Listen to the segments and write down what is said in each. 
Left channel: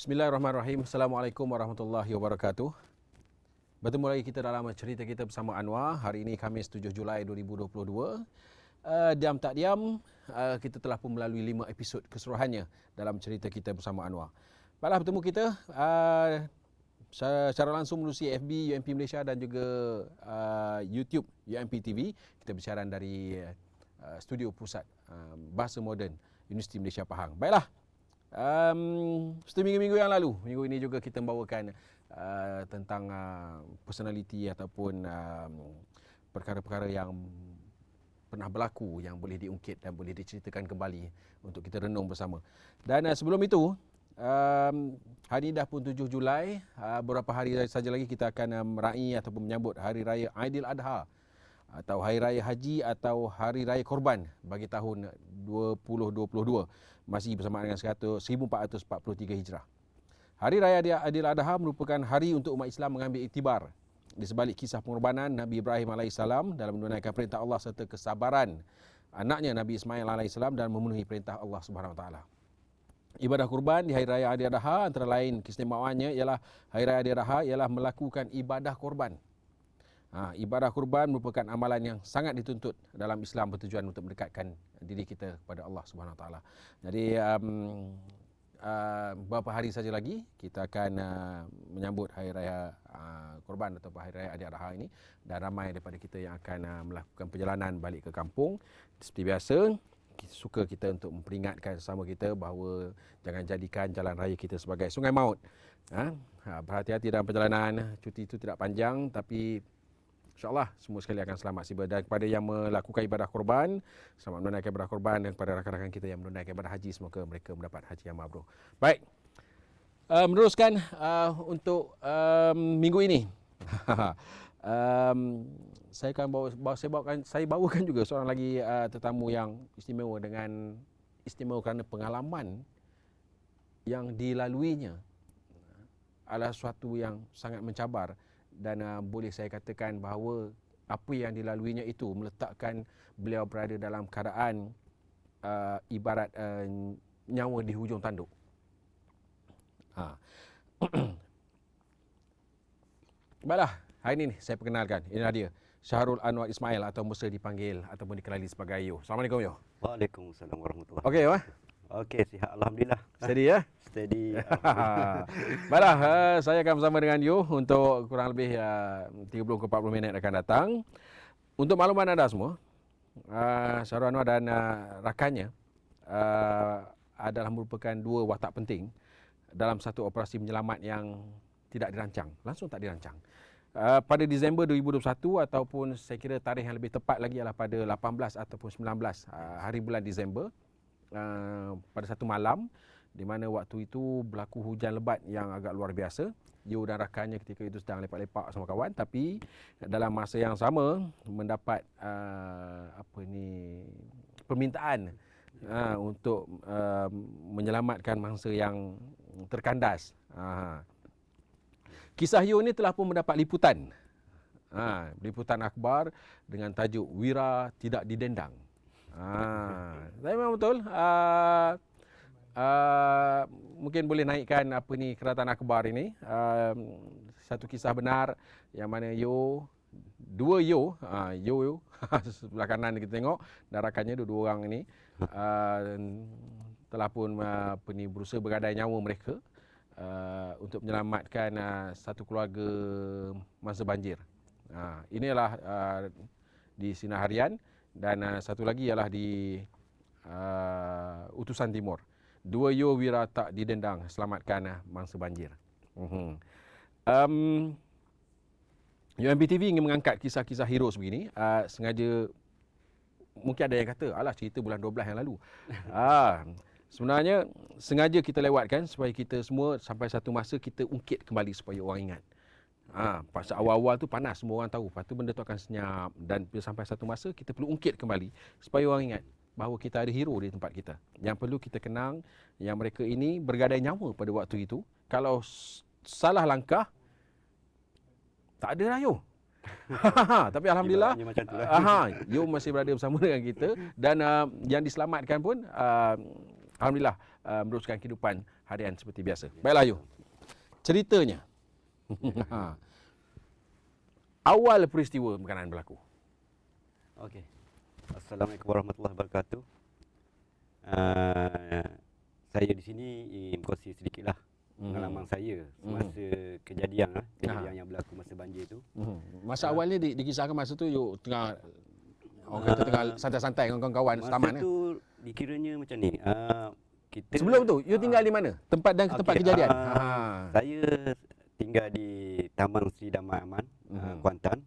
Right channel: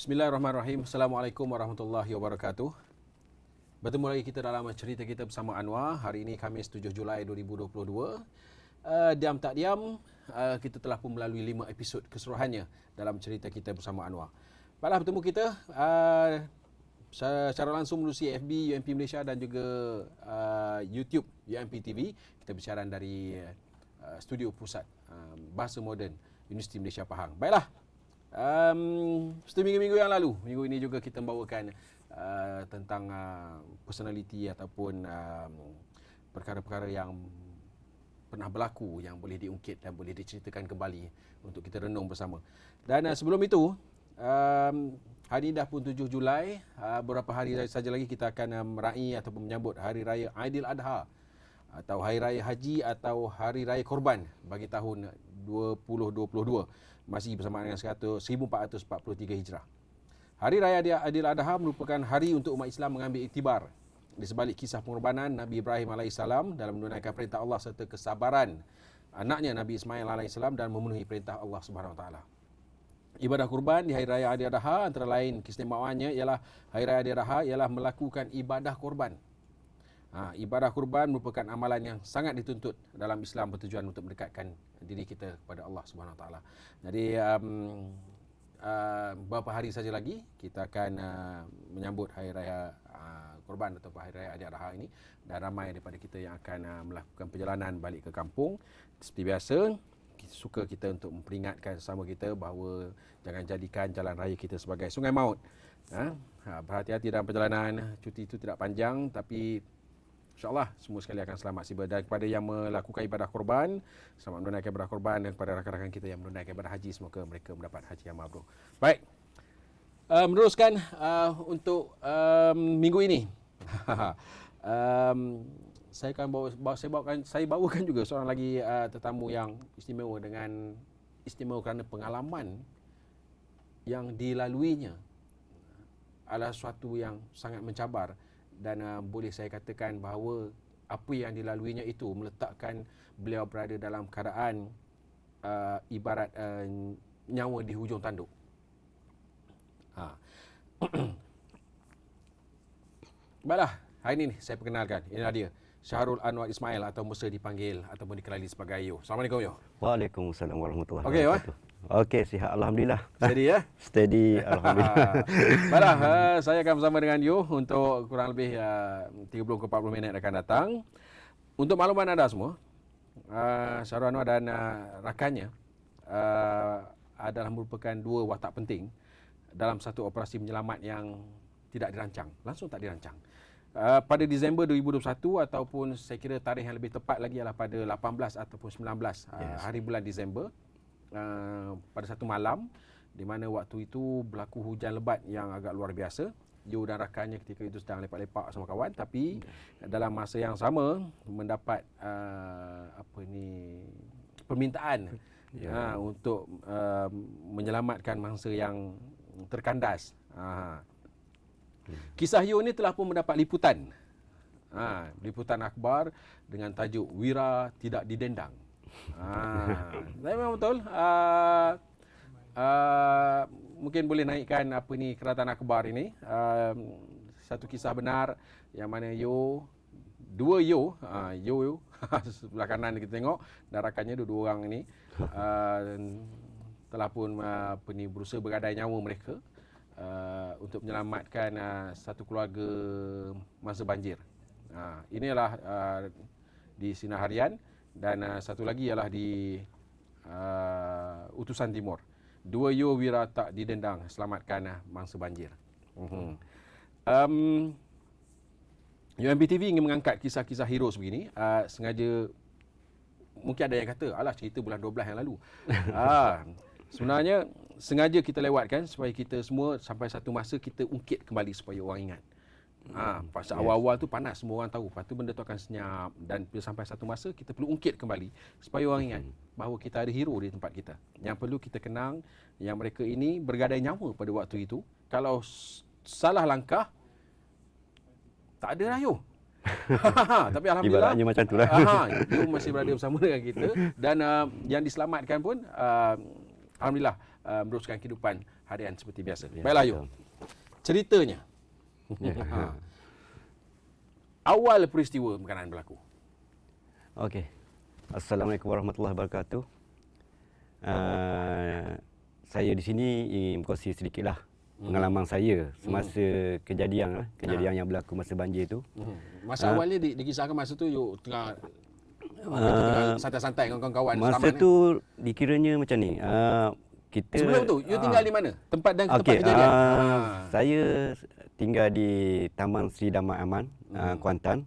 Bismillahirrahmanirrahim. Assalamualaikum warahmatullahi wabarakatuh. Bertemu lagi kita dalam cerita kita bersama Anwar. Hari ini Khamis 7 Julai 2022. Diam tak diam, kita telah pun melalui 5 episod keseluruhannya dalam cerita kita bersama Anwar. Baiklah, bertemu kita secara langsung melalui FB UMP Malaysia dan juga YouTube UMP TV. Kita bersiaran dari studio pusat Bahasa Moden Universiti Malaysia Pahang. Baiklah. Minggu-minggu yang lalu, minggu ini juga kita membawakan tentang personality ataupun perkara-perkara yang pernah berlaku yang boleh diungkit dan boleh diceritakan kembali untuk kita renung bersama. Dan sebelum itu, hari ini dah pun 7 Julai, beberapa hari saja lagi kita akan meraih ataupun menyambut Hari Raya Aidiladha atau Hari Raya Haji atau Hari Raya Korban bagi tahun 2022, masih bersamaan dengan 1443 Hijrah. Hari Raya Aidiladha merupakan hari untuk umat Islam mengambil iktibar di sebalik kisah pengorbanan Nabi Ibrahim AS dalam menunaikan perintah Allah serta kesabaran anaknya Nabi Ismail AS dan memenuhi perintah Allah SWT. Ibadah kurban di Hari Raya Aidiladha antara lain keistimewaannya ialah Hari Raya Aidiladha ialah melakukan ibadah kurban. Ibadah kurban merupakan amalan yang sangat dituntut dalam Islam bertujuan untuk mendekatkan diri kita kepada Allah SWT. Jadi beberapa hari saja lagi kita akan menyambut Hari Raya Korban atau Hari Raya Aidiladha ini, dan ramai daripada kita yang akan melakukan perjalanan balik ke kampung. Seperti biasa, suka kita untuk memperingatkan sesama kita bahawa jangan jadikan jalan raya kita sebagai sungai maut. Berhati-hati dalam perjalanan. Cuti itu tidak panjang, tapi InsyaAllah semua sekali akan selamat siba. Dan kepada yang melakukan ibadah korban, selamat menunaikan ibadah korban. Dan kepada rakan-rakan kita yang menunaikan ibadah haji, semoga mereka mendapat haji yang mabrur. Baik, meneruskan untuk minggu ini. Saya bawakan juga seorang lagi tetamu yang istimewa dengan istimewa kerana pengalaman yang dilaluinya adalah sesuatu yang sangat mencabar. Dan boleh saya katakan bahawa apa yang dilaluinya itu meletakkan beliau berada dalam keadaan ibarat nyawa di hujung tanduk. Baiklah, hari ini saya perkenalkan. Inilah dia, Syahrul Anwar Ismail atau Musa dipanggil ataupun dikenali sebagai Yo. Assalamualaikum Yo. Waalaikumsalam warahmatullahi wabarakatuh. Okey, Wah? Okey, sihat alhamdulillah. Steady ya? Steady alhamdulillah. Baiklah, saya akan bersama dengan Yo untuk kurang lebih 30 ke 40 minit akan datang. Untuk makluman anda semua, Syahrul Anwar dan rakannya adalah merupakan dua watak penting dalam satu operasi menyelamat yang tidak dirancang, langsung tak dirancang. Pada Disember 2021 ataupun saya kira tarikh yang lebih tepat lagi adalah pada 18 ataupun 19 hari bulan Disember, pada satu malam di mana waktu itu berlaku hujan lebat yang agak luar biasa. Yo dan rakannya ketika itu sedang lepak-lepak sama kawan, tapi dalam masa yang sama mendapat permintaan untuk menyelamatkan mangsa yang terkandas. Kisah Yo ni telah pun mendapat liputan. Liputan akhbar dengan tajuk Wira Tidak Didendang. Saya memang betul. Mungkin boleh naikkan keratan akhbar ini. Satu kisah benar yang mana Yo, dua Yo, Yo sebelah kanan kita tengok, dan rakannya dua orang ini telah pun berusaha bergadai nyawa mereka untuk menyelamatkan satu keluarga masa banjir. Inilah di Sinar Harian, dan satu lagi ialah di Utusan Timur. Dua Yo Wira Tak Didendang, selamatkan mangsa banjir. UMP TV ingin mengangkat kisah-kisah hero sebegini. Sengaja, mungkin ada yang kata, alah cerita bulan 12 yang lalu. Sebenarnya sengaja kita lewatkan supaya kita semua sampai satu masa kita ungkit kembali supaya orang ingat. Pasal awal-awal tu panas, semua orang tahu. Lepas tu benda tu akan senyap, dan sampai satu masa kita perlu ungkit kembali supaya orang ingat bahawa kita ada hero di tempat kita. Yang perlu kita kenang yang mereka ini bergadai nyawa pada waktu itu. Kalau salah langkah, tak ada lah Yo. Tapi alhamdulillah macam itulah. Yo masih berada bersama dengan kita, dan yang diselamatkan pun alhamdulillah meneruskan kehidupan harian seperti biasa. Ya, Baiklah Ayu. Ceritanya. Ha. Awal peristiwa berkenaan berlaku. Okey. Assalamualaikum warahmatullahi wabarakatuh. Saya di sini ingin berkongsi sedikitlah pengalaman saya semasa kejadian yang berlaku masa banjir tu. Masa awalnya dikisahkan masa tu you tengah orang kata tengah santai-santai dengan kawan-kawan Masa selamat tu dikiranya macam ni. Kita Sebelum tu you tinggal di mana? Tempat dan tempat kejadian. Saya tinggal di Taman Sri Damai Aman, Kuantan.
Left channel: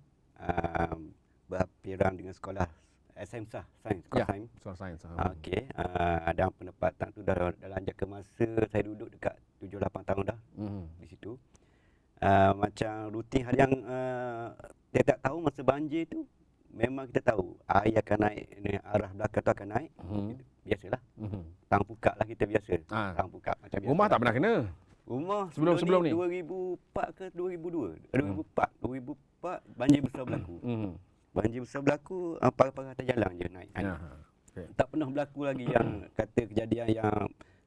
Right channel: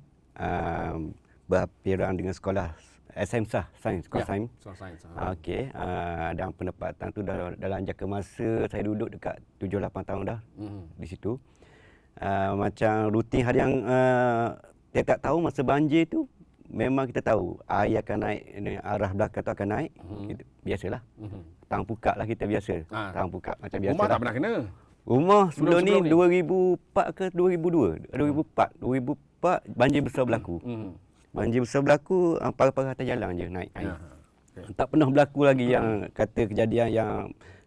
Berpirang dengan sekolah SM Sah, Sains, sekolah Sains. Soal sains. Okey, dan penempatan tu dalam jangka masa saya duduk dekat 7-8 tahun dah di situ. Macam rutin harian tiap-tiap tahun masa banjir tu memang kita tahu air akan naik, arah belakang tu akan naik. Kita, biasalah. Tang pukak lah kita biasa. Tang pukak macam biasa. Rumah tak pernah kena. Rumah sebelum ni ni? 2004 ke 2002? 2004 banjir besar berlaku. Banjir besar berlaku, parah-parah atas jalan je naik air. Okay. Tak pernah berlaku lagi yang kata kejadian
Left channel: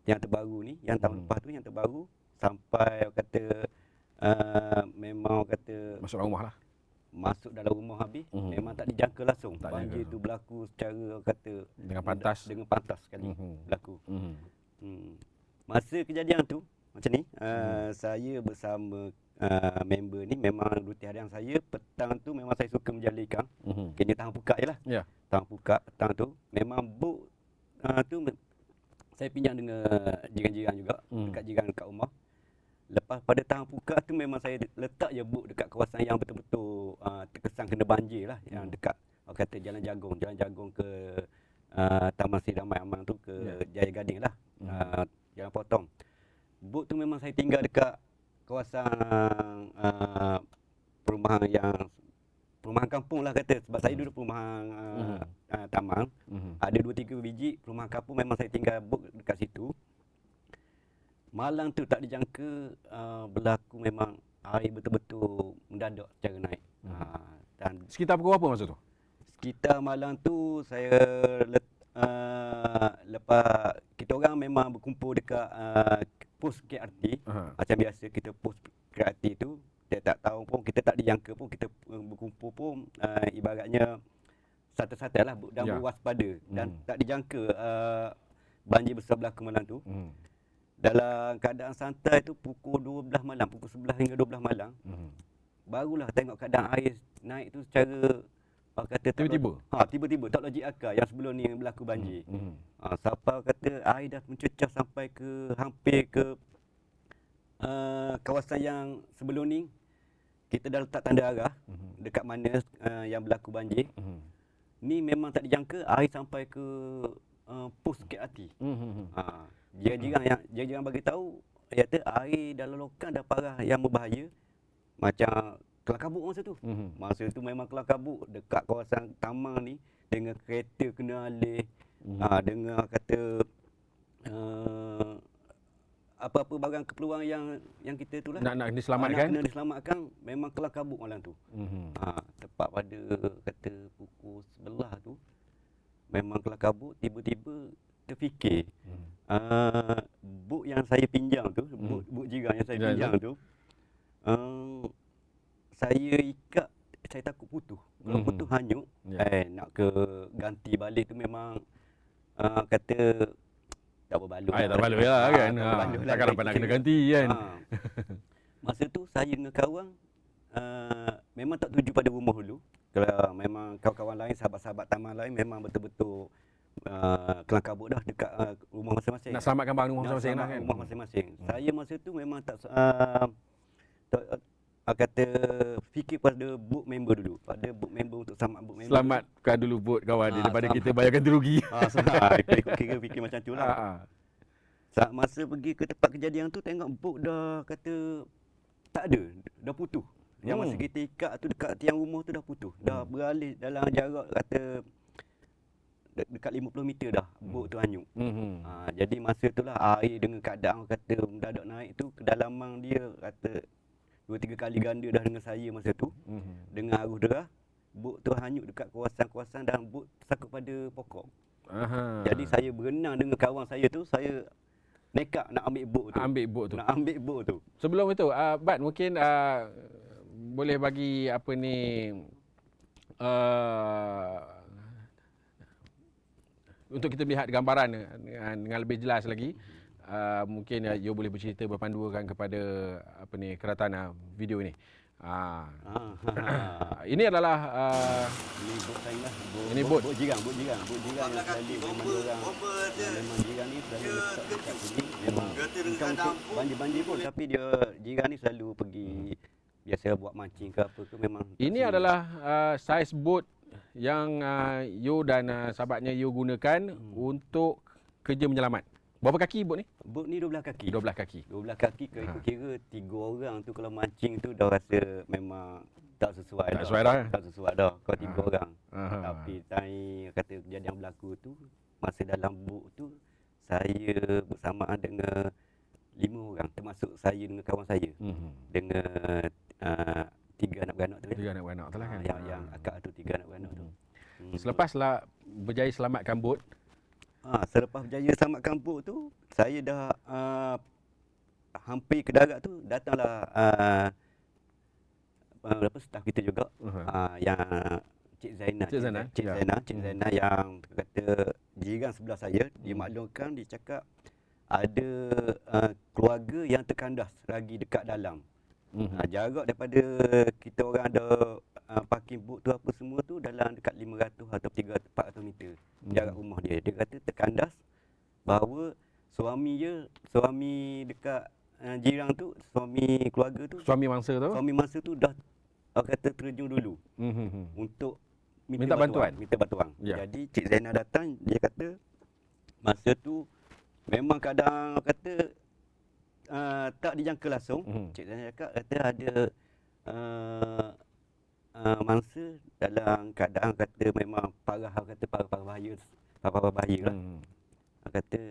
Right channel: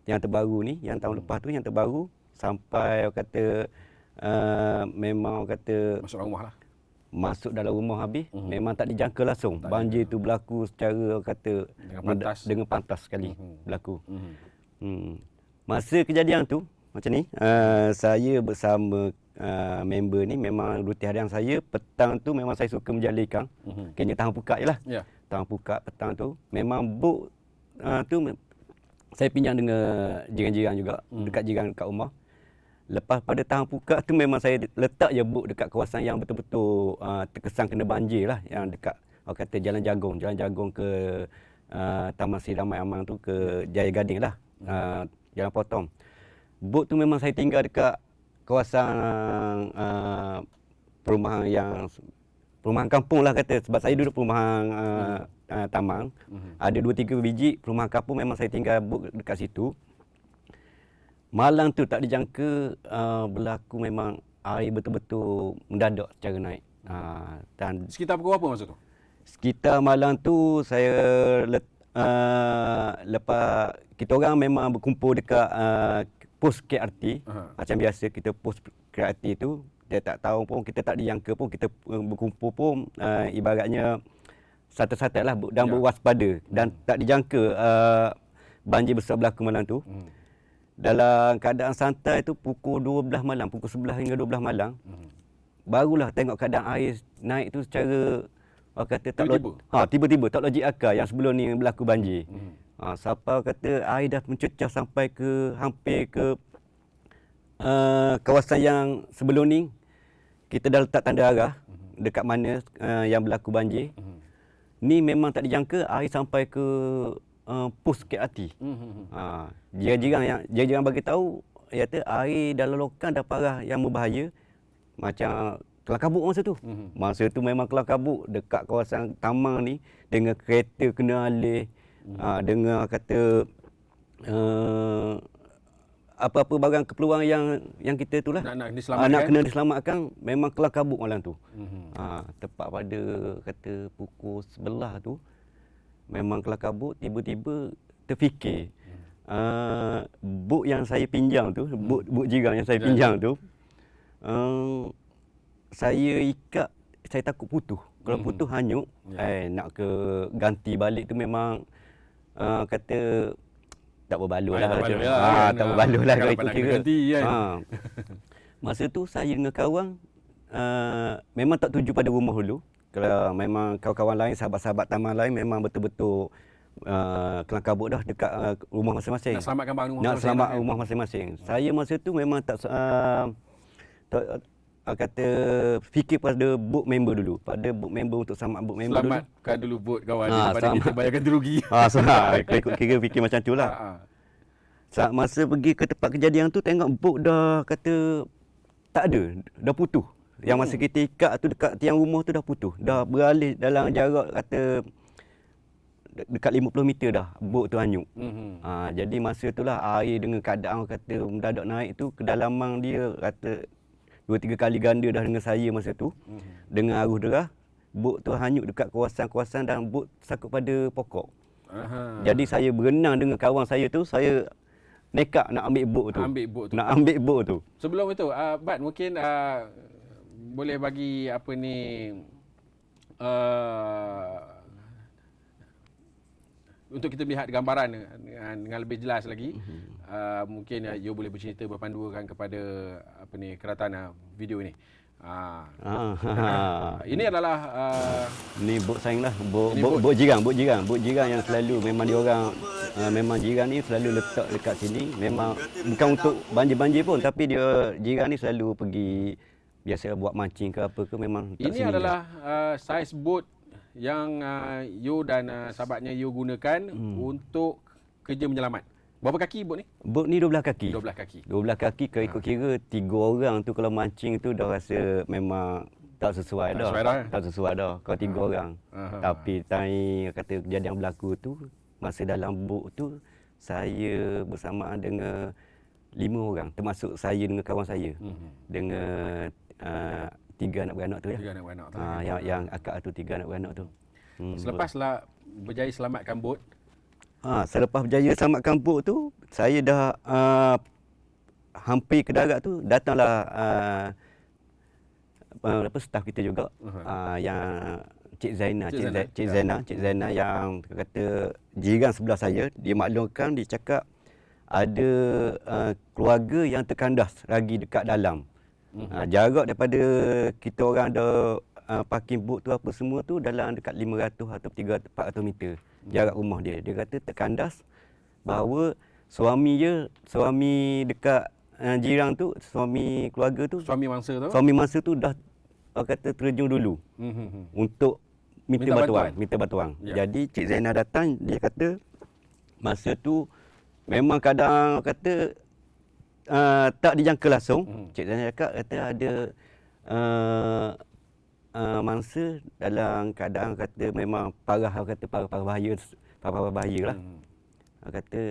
yang terbaru ni, yang tahun lepas tu yang terbaru sampai orang kata memang orang kata Masuk dalam rumah lah. masuk dalam rumah habis, memang tak dijangka langsung. Tak Banjir tu berlaku secara orang kata Dengan pantas. sekali berlaku. Masa kejadian tu macam ni, saya bersama member ni memang rutin harian saya petang tu memang saya suka menjala ikan. Kena tahan pukak je lah. Ya. Tahan pukak petang tu memang bot tu saya pinjam dengan jiran-jiran juga, dekat jiran dekat rumah. Lepas pada tahan pukak tu memang saya letak je bot dekat kawasan yang betul-betul terkesan kena banjir lah, yang dekat orang kata Jalan Jagong ke Taman Sri Damai Aman tu ke Jaya Gading lah. Jalan Potong. Bot tu memang saya tinggal dekat kawasan perumahan kampung lah kata, sebab saya duduk perumahan taman. Ada 2-3 biji perumahan kampung, memang saya tinggal bot dekat situ. Malam tu tak dijangka berlaku memang air betul-betul mendadak secara naik. Dan Sekitar pukul berapa masa tu? sekitar malam tu saya lepas kita orang memang berkumpul dekat pos KRT. Macam biasa kita pos KRT tu, dia tak tahu pun, kita tak dijangka pun, kita berkumpul pun ibaratnya santai-santai lah dan berwaspada. Dan tak dijangka banjir besar berlaku malam tu. Dalam keadaan santai tu pukul 12 malam, pukul 11 hingga 12 malam, barulah tengok keadaan air naik tu secara orang kata tiba-tiba tak logik akal, yang sebelum ni berlaku banjir. Siapa kata air dah mencecah sampai ke hampir ke kawasan yang sebelum ni kita dah letak tanda arah dekat mana yang berlaku banjir. Ni memang tak dijangka air sampai ke pos KRT. Jiran-jiran bagi tahu, kata air dalam lokan dah parah yang berbahaya, macam kelam kabut masa tu. Masa tu memang kelam kabut dekat kawasan taman ni, dengan kereta kena alih, dengan kata apa-apa barang keperluan yang kita tu lah Nak diselamatkan. kena diselamatkan, memang kelam kabut malam tu. Tepat pada kata pukul 11 tu memang kelam kabut, tiba-tiba terfikir bot yang saya pinjam tu, bot jiran yang saya pinjam tu, saya ikat, saya takut putus. Kalau putus hanyut, nak ke ganti balik tu memang kata tak berbaloi lah. Tak berbaloi lah kan. Tak berbaloi lah. Takkan nak kena ganti kan. Masa tu saya dengan kawan memang tak tuju pada rumah dulu. Kalau memang kawan-kawan lain, sahabat-sahabat taman lain memang betul-betul kelam kabut dah dekat rumah masing-masing. Nak selamatkan barang rumah Nak masing-masing. selamat rumah masing-masing. Saya masa tu memang tak kata fikir pada bot member dulu, pada bot member untuk selamat bot member. Selamatkan dulu bot kawan dia daripada kita bayar ganti rugi. Ikut kira fikir macam tu lah. Saat masa pergi ke tempat kejadian tu, tengok bot dah kata tak ada, dah putus. Yang masa kita ikat tu dekat tiang rumah tu dah putus. Dah beralih dalam jarak kata dekat 50 meter dah bot tu hanyut. Jadi masa itulah air dengan keadaan kata mendadak naik tu, kedalaman dia kata 2-3 kali ganda dah dengan saya masa tu. Dengan arus derah, bot tu hanyut dekat kawasan-kawasan dan bot sakut pada pokok. Jadi saya berenang dengan kawan saya tu, saya nekat nak ambil boat tu. Ambil boat tu. Nak ambil boat tu. Sebelum itu, Bat mungkin boleh bagi apa ni untuk kita melihat gambaran dengan lebih jelas lagi. Mungkin you boleh bercerita berpandukan kepada apa ni keratan video ini. Ini adalah ni bot saing lah, bot jiran yang selalu memang dia orang memang jiran ni selalu letak dekat sini, memang bukan untuk banjir-banjir pun, tapi dia jiran ni selalu pergi biasa buat mancing ke apa ke, memang ini adalah saiz bot yang you dan sahabatnya you gunakan untuk kerja menyelamat. Berapa kaki bot ni? Bot ni 12 kaki. 12 kaki. 12 kaki kalau ikut kira 3 orang tu kalau mancing tu dah rasa memang tak sesuai dah. Tak sesuai dah kalau 3 orang. Tapi kata kejadian berlaku tu masa dalam bot tu saya bersamaan dengan 5 orang termasuk saya dengan kawan saya. Dengan 3 anak beranak tu ya. 3 anak beranak tu yang akak tu 3 anak beranak tu. Selepaslah berjaya selamatkan bot. Selepas berjaya selamatkan bot tu, saya dah hampir ke darat tu, datanglah staf kita juga, yang Cik Zainah yang kata jiran sebelah saya, dia maklumkan, dia cakap ada keluarga yang terkandas lagi dekat dalam. Jarak daripada kita orang ada parking boat tu apa semua tu dalam dekat 500 atau 300-400 meter jarak rumah dia. Dia kata terkandas, bahawa suami dekat jiran tu, suami keluarga tu, suami mangsa tu dah kata terjun dulu untuk minta bantuan. Ya. Jadi Cik Zainah datang, dia kata masa tu memang kadang kata tak dijangka langsung. Cik Zainah cakap kata ada mangsa dalam keadaan kata memang parah bahaya lah. Kata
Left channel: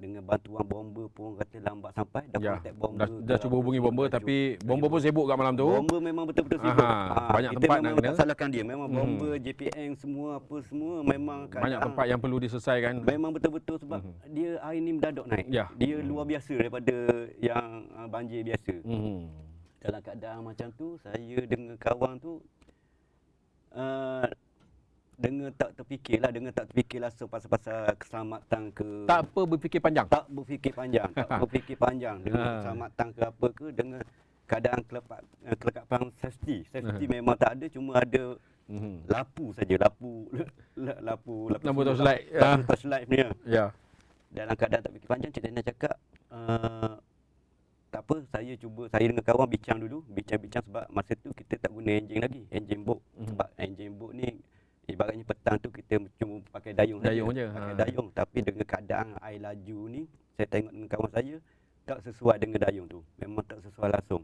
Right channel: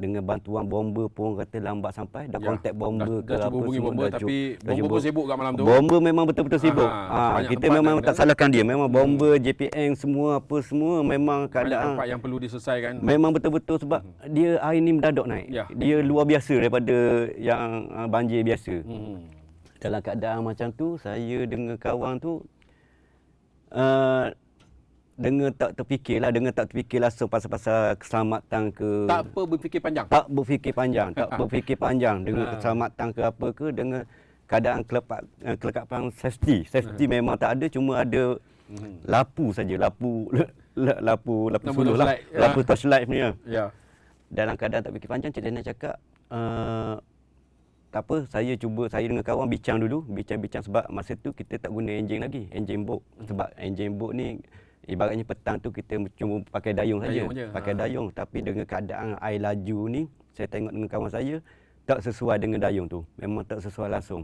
dengan bantuan bomba pun kata lambat sampai, dah kontak bomba. Dah cuba hubungi bomba tapi bomba pun sibuk kat malam tu. Bomba memang betul-betul sibuk. Kita memang tak salahkan dia. Memang bomba, JPN semua apa semua memang keadaan. Banyak tempat yang perlu diselesaikan. Memang betul-betul sebab dia air ni mendadak naik. Dia luar biasa daripada yang banjir biasa. Dalam keadaan macam tu, saya dengan kawan tu dengan tak terfikir langsung pasal keselamatan ke. Tak berfikir panjang dengan keselamatan ke apa ke, dengan keadaan kelekapan safety memang tak ada, cuma ada lapu saja, lapu torchlight punya. Ya. Dalam keadaan tak fikir panjang, Cik Zainah cakap tak apa, saya dengan kawan bincang sebab masa tu kita tak guna enjin boat. Sebab enjin boat ni ibaratnya petang tu kita cuma pakai dayung saja. Dayung, tapi dengan keadaan air laju ni, saya tengok dengan kawan saya tak sesuai dengan dayung tu. Memang tak sesuai langsung.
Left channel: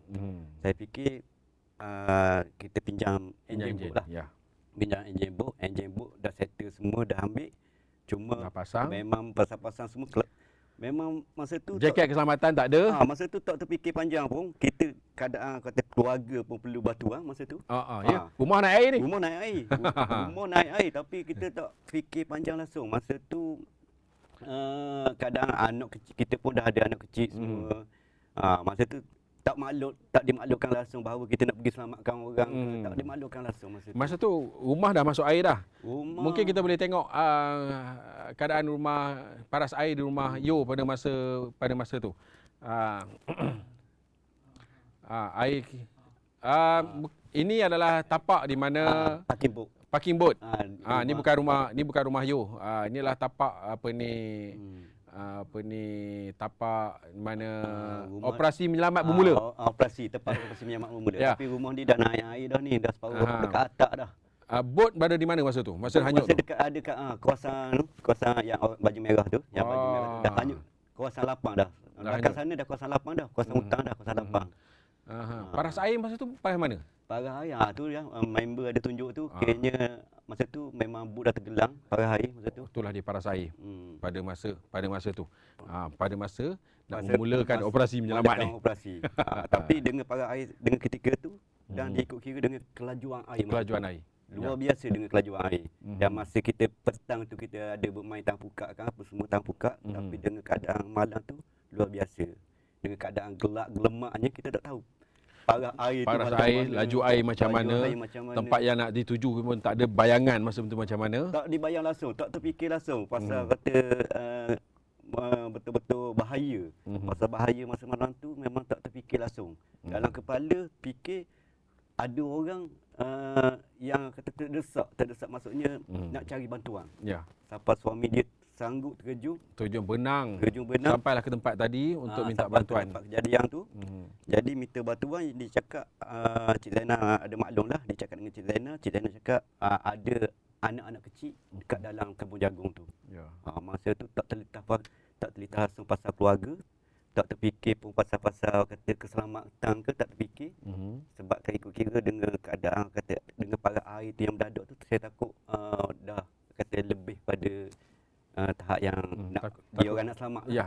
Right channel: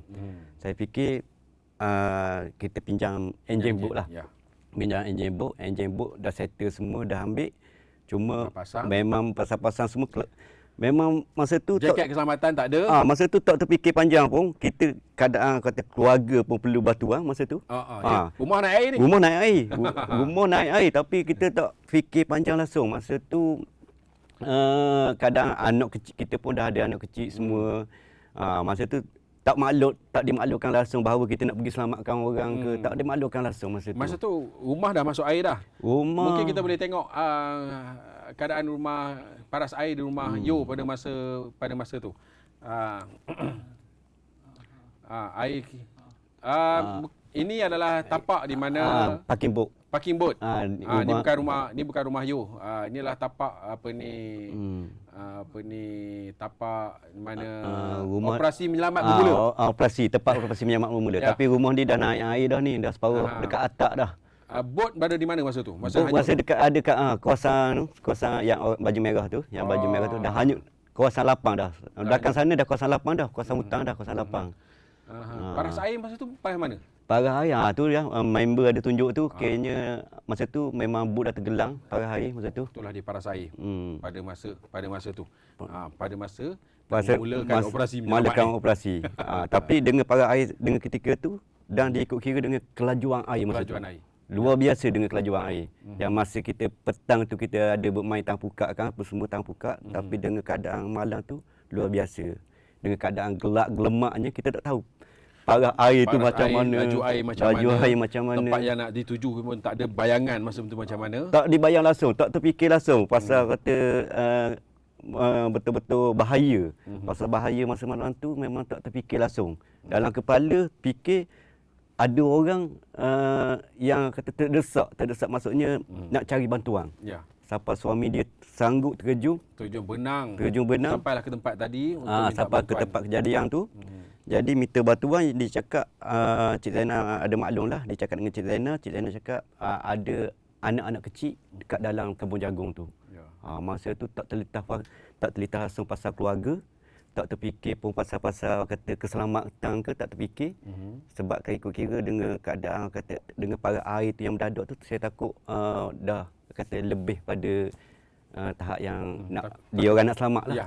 Saya fikir kita pinjam enjin boat lah. Pinjam enjin boat dah settle semua, dah ambil. Cuma memang pasang semua. Memang masa tu jaket keselamatan tak ada. Masa tu tak terfikir panjang pun. Kita keadaan kata keluarga pun perlu bantuan masa tu. Ya. Rumah naik air ni. Rumah naik air tapi kita tak fikir panjang langsung. Masa tu kadang anak kecil kita pun dah ada anak kecil semua. Masa tu tak dimaklumkan langsung bahawa kita nak pergi selamatkan orang ke, tak dimaklumkan langsung masa tu. Masa tu rumah dah masuk air dah. Mungkin kita boleh tengok keadaan rumah, paras air di rumah you pada masa tu. Air ini adalah tapak di mana parking boat. Ni bukan rumah you. Inilah tapak tapak mana operasi menyelamat bermula. Tempat operasi menyelamat bermula. Tapi rumah ni dah naik air dah ni, dah separuh dekat atap dah. Bot berada di mana masa tu? Masa dekat kawasan yang baju merah tu, baju merah tu dah hanyut. Kawasan lapang dah. Belakang sana dah kawasan lapang dah, kawasan hutang dah, kawasan lapang. Paras air masa tu parah mana? Parah air tu ya, member ada tunjuk tu, kiranya masa tu memang bot dah tergelang, parah air masa tu. Itulah dia paras air pada masa tu. Pada masa memulakan operasi menyelamat Tapi dengan parah air dengan ketika tu dan diikut kira dengan kelajuan air masa tu. Luar biasa dengan kelajuan air. Yang masa kita petang tu kita ada bermain tang pukak kan, apa semua tang pukak, tapi dengan keadaan malam tu luar biasa. Dengan keadaan gelap gelemaknya kita tak tahu parah air tu macam mana, laju air macam mana, air macam mana, tempat yang nak dituju pun tak ada bayangan masa tu macam mana. tak dibayang langsung, tak terfikir langsung pasal kata betul-betul bahaya. Pasal bahaya masa malam tu memang tak terfikir langsung. Dalam kepala fikir ada orang yang kata terdesak maksudnya nak cari bantuan. Ya. Sampai suami dia sanggup terjun benang sampailah ke tempat tadi untuk minta sampai bantuan. ke tempat kejadian tu. Jadi minta bantuan, dia cakap Cik Zainal ada maklum lah, dia cakap dengan Cik Zainal cakap ada anak-anak kecil dekat dalam kebun jagung tu. Ya. Masa tu tak terlintas langsung pasal keluarga, tak terfikir pun pasal kata keselamatan ke, tak terfikir. Sebab kira dengan keadaan kata dengan para air tu yang mendadak tu, saya takut dah kata lebih pada tahap yang dia orang nak selamat lah. Ya.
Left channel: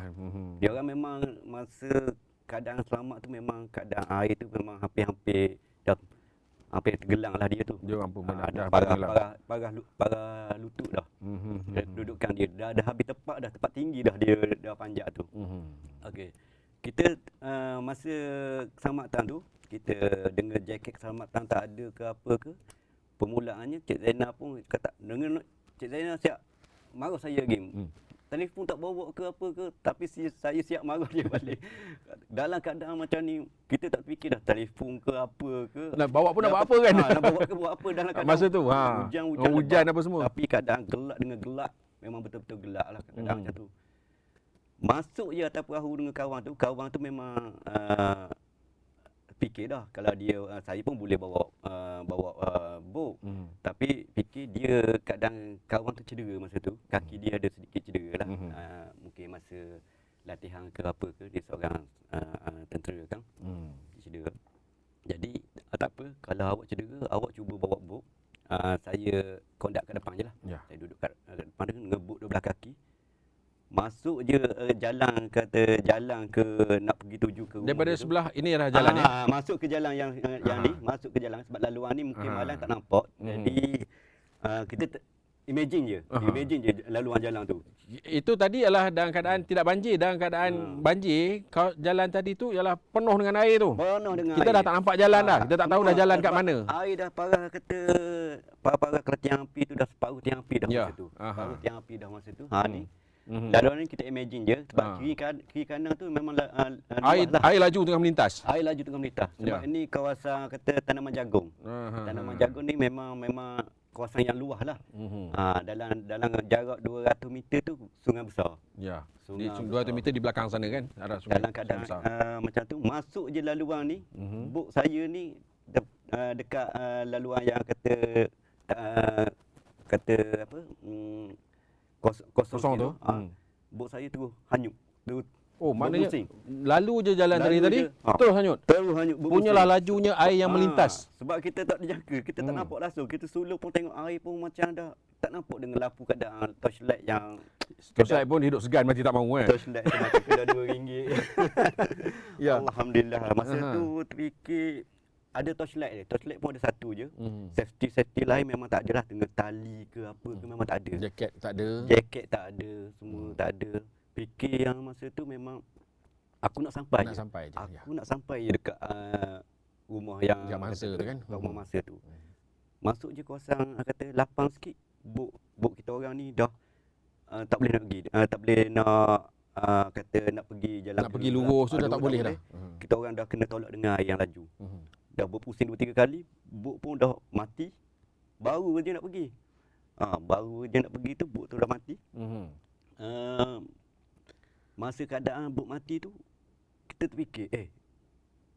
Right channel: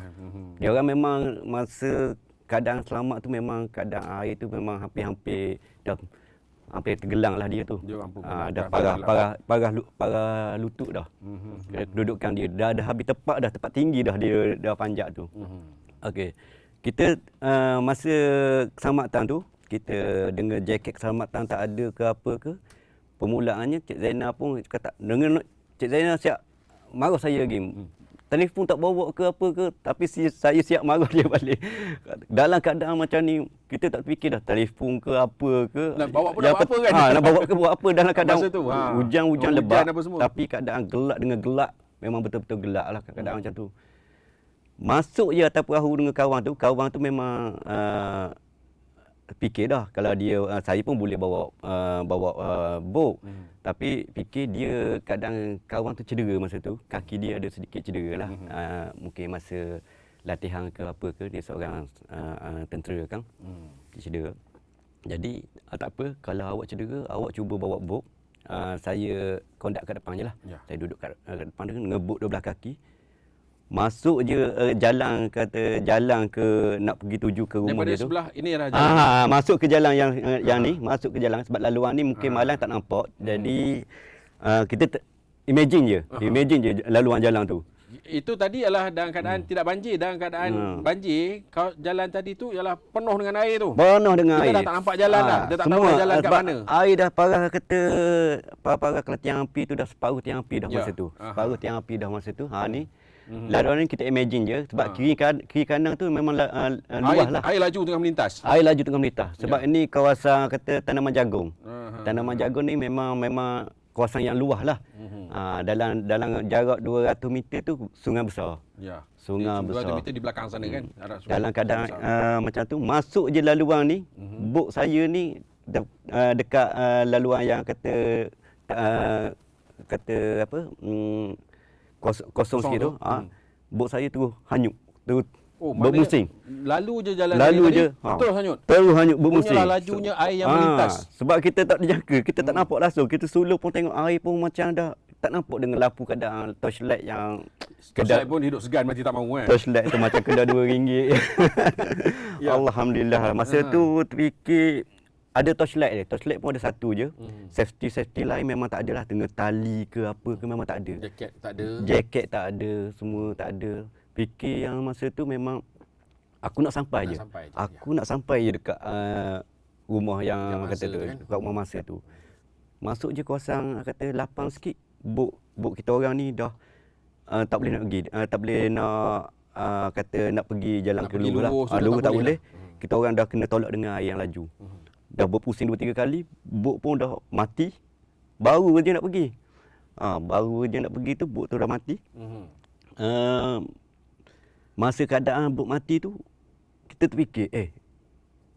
Dia orang memang masa keadaan selamat tu memang keadaan air tu memang hampir tenggelam lah dia tu. Dia orang pun dah parah lutut dah. Kedudukan dia dah habis tepat tinggi dah dia dah panjat tu. Okey. Kita masa keselamatan tu, kita dengan jaket keselamatan tak ada ke apa ke, permulaannya Cik Zainal pun kata dengan Cik Zainal siap marah saya lagi. Telefon tak bawa ke apa ke, tapi saya siap marah dia balik. Dalam keadaan macam ni, kita tak fikir dah telefon ke apa ke. Nak bawa pun nak buat apa kan? Nak bawa ke buat apa dalam keadaan masa tu. Hujan lebat apa semua. Tapi keadaan gelap dengan gelap, memang betul-betul gelap lah keadaan macam tu. Masuk je atas perahu dengan kawan tu memang fikir dah kalau dia saya pun boleh bawa bot. Tapi fikir dia kadang kawan tu cedera masa tu, kaki dia ada sedikit cedera lah. Mungkin masa latihan ke apa ke, dia seorang tentera kan. Dia cedera. Jadi tak apa, kalau awak cedera, awak cuba bawa bot. Saya kondak kat depan je lah. Ya. Saya duduk kat depan tu dengan bot 12 kaki. Masuk je jalan ke nak pergi tuju ke rumah daripada dia tu. Sebelah ini adalah jalan. Masuk ke jalan yang ni, masuk ke jalan sebab laluan ni mungkin malam tak nampak. Jadi kita imagine je laluan jalan tu. Itu tadi ialah dalam keadaan tidak banjir, dalam keadaan banjir, jalan tadi tu ialah penuh dengan air tu. Penuh dengan kita air. Kita dah tak nampak jalan dah. Kita tak tahu dah jalan kat mana. Air dah parah kata parah kalau tiang api tu dah separuh tiang api dah masa tu. Separuh tiang api dah masa tu. Ni laluan ni kita imagine je sebab kiri kanan tu memang luas lah. Air laju tengah melintas. Air laju tengah melintas. Sebab ini kawasan kata tanaman jagung. Tanaman jagung ni memang kawasan yang luas lah. Dalam jarak 200 meter tu sungai besar. Ya. Sungai 200 besar. meter di belakang sana kan. Ada sungai. Dalam keadaan macam tu, masuk je laluan ni. Bot saya ni dekat laluan yang kata apa kosong sikit tu. Bot saya terus hanyut. Terus bermusing. Lalu je jalan tadi terus hanyut. Terus hanyut bermusing. Punyalah lajunya air yang melintas. Sebab kita tak dijangka, kita tak nampak langsung. Kita sulur pun tengok air pun macam dah tak nampak dengan lampu keadaan torchlight yang kedai pun hidup segan mati tak mahu kan. Torchlight tu macam kedai RM2. Ya. Alhamdulillah. Masa tu terfikir ada torchlight dia. Torchlight pun ada satu je. Safety lain memang tak ada lah. Dengan tali ke apa ke memang tak ada. Jaket tak ada. Jaket tak ada. Semua tak ada. Fikir yang masa tu memang aku nak sampai je. Aku nak sampai je dekat rumah yang kata tu kan. Dekat rumah masa tu. Masuk je kawasan kata lapang sikit. Bot kita orang ni dah tak boleh nak pergi. Tak boleh nak kata nak pergi jalan nak pergi lurus sudah tak boleh. Kita orang dah kena tolak dengan air yang laju. Dah berpusing 2-3 kali, bot pun dah mati. Baru je nak pergi. Baru je nak pergi tu bot tu dah mati. Masa keadaan bot mati tu kita terfikir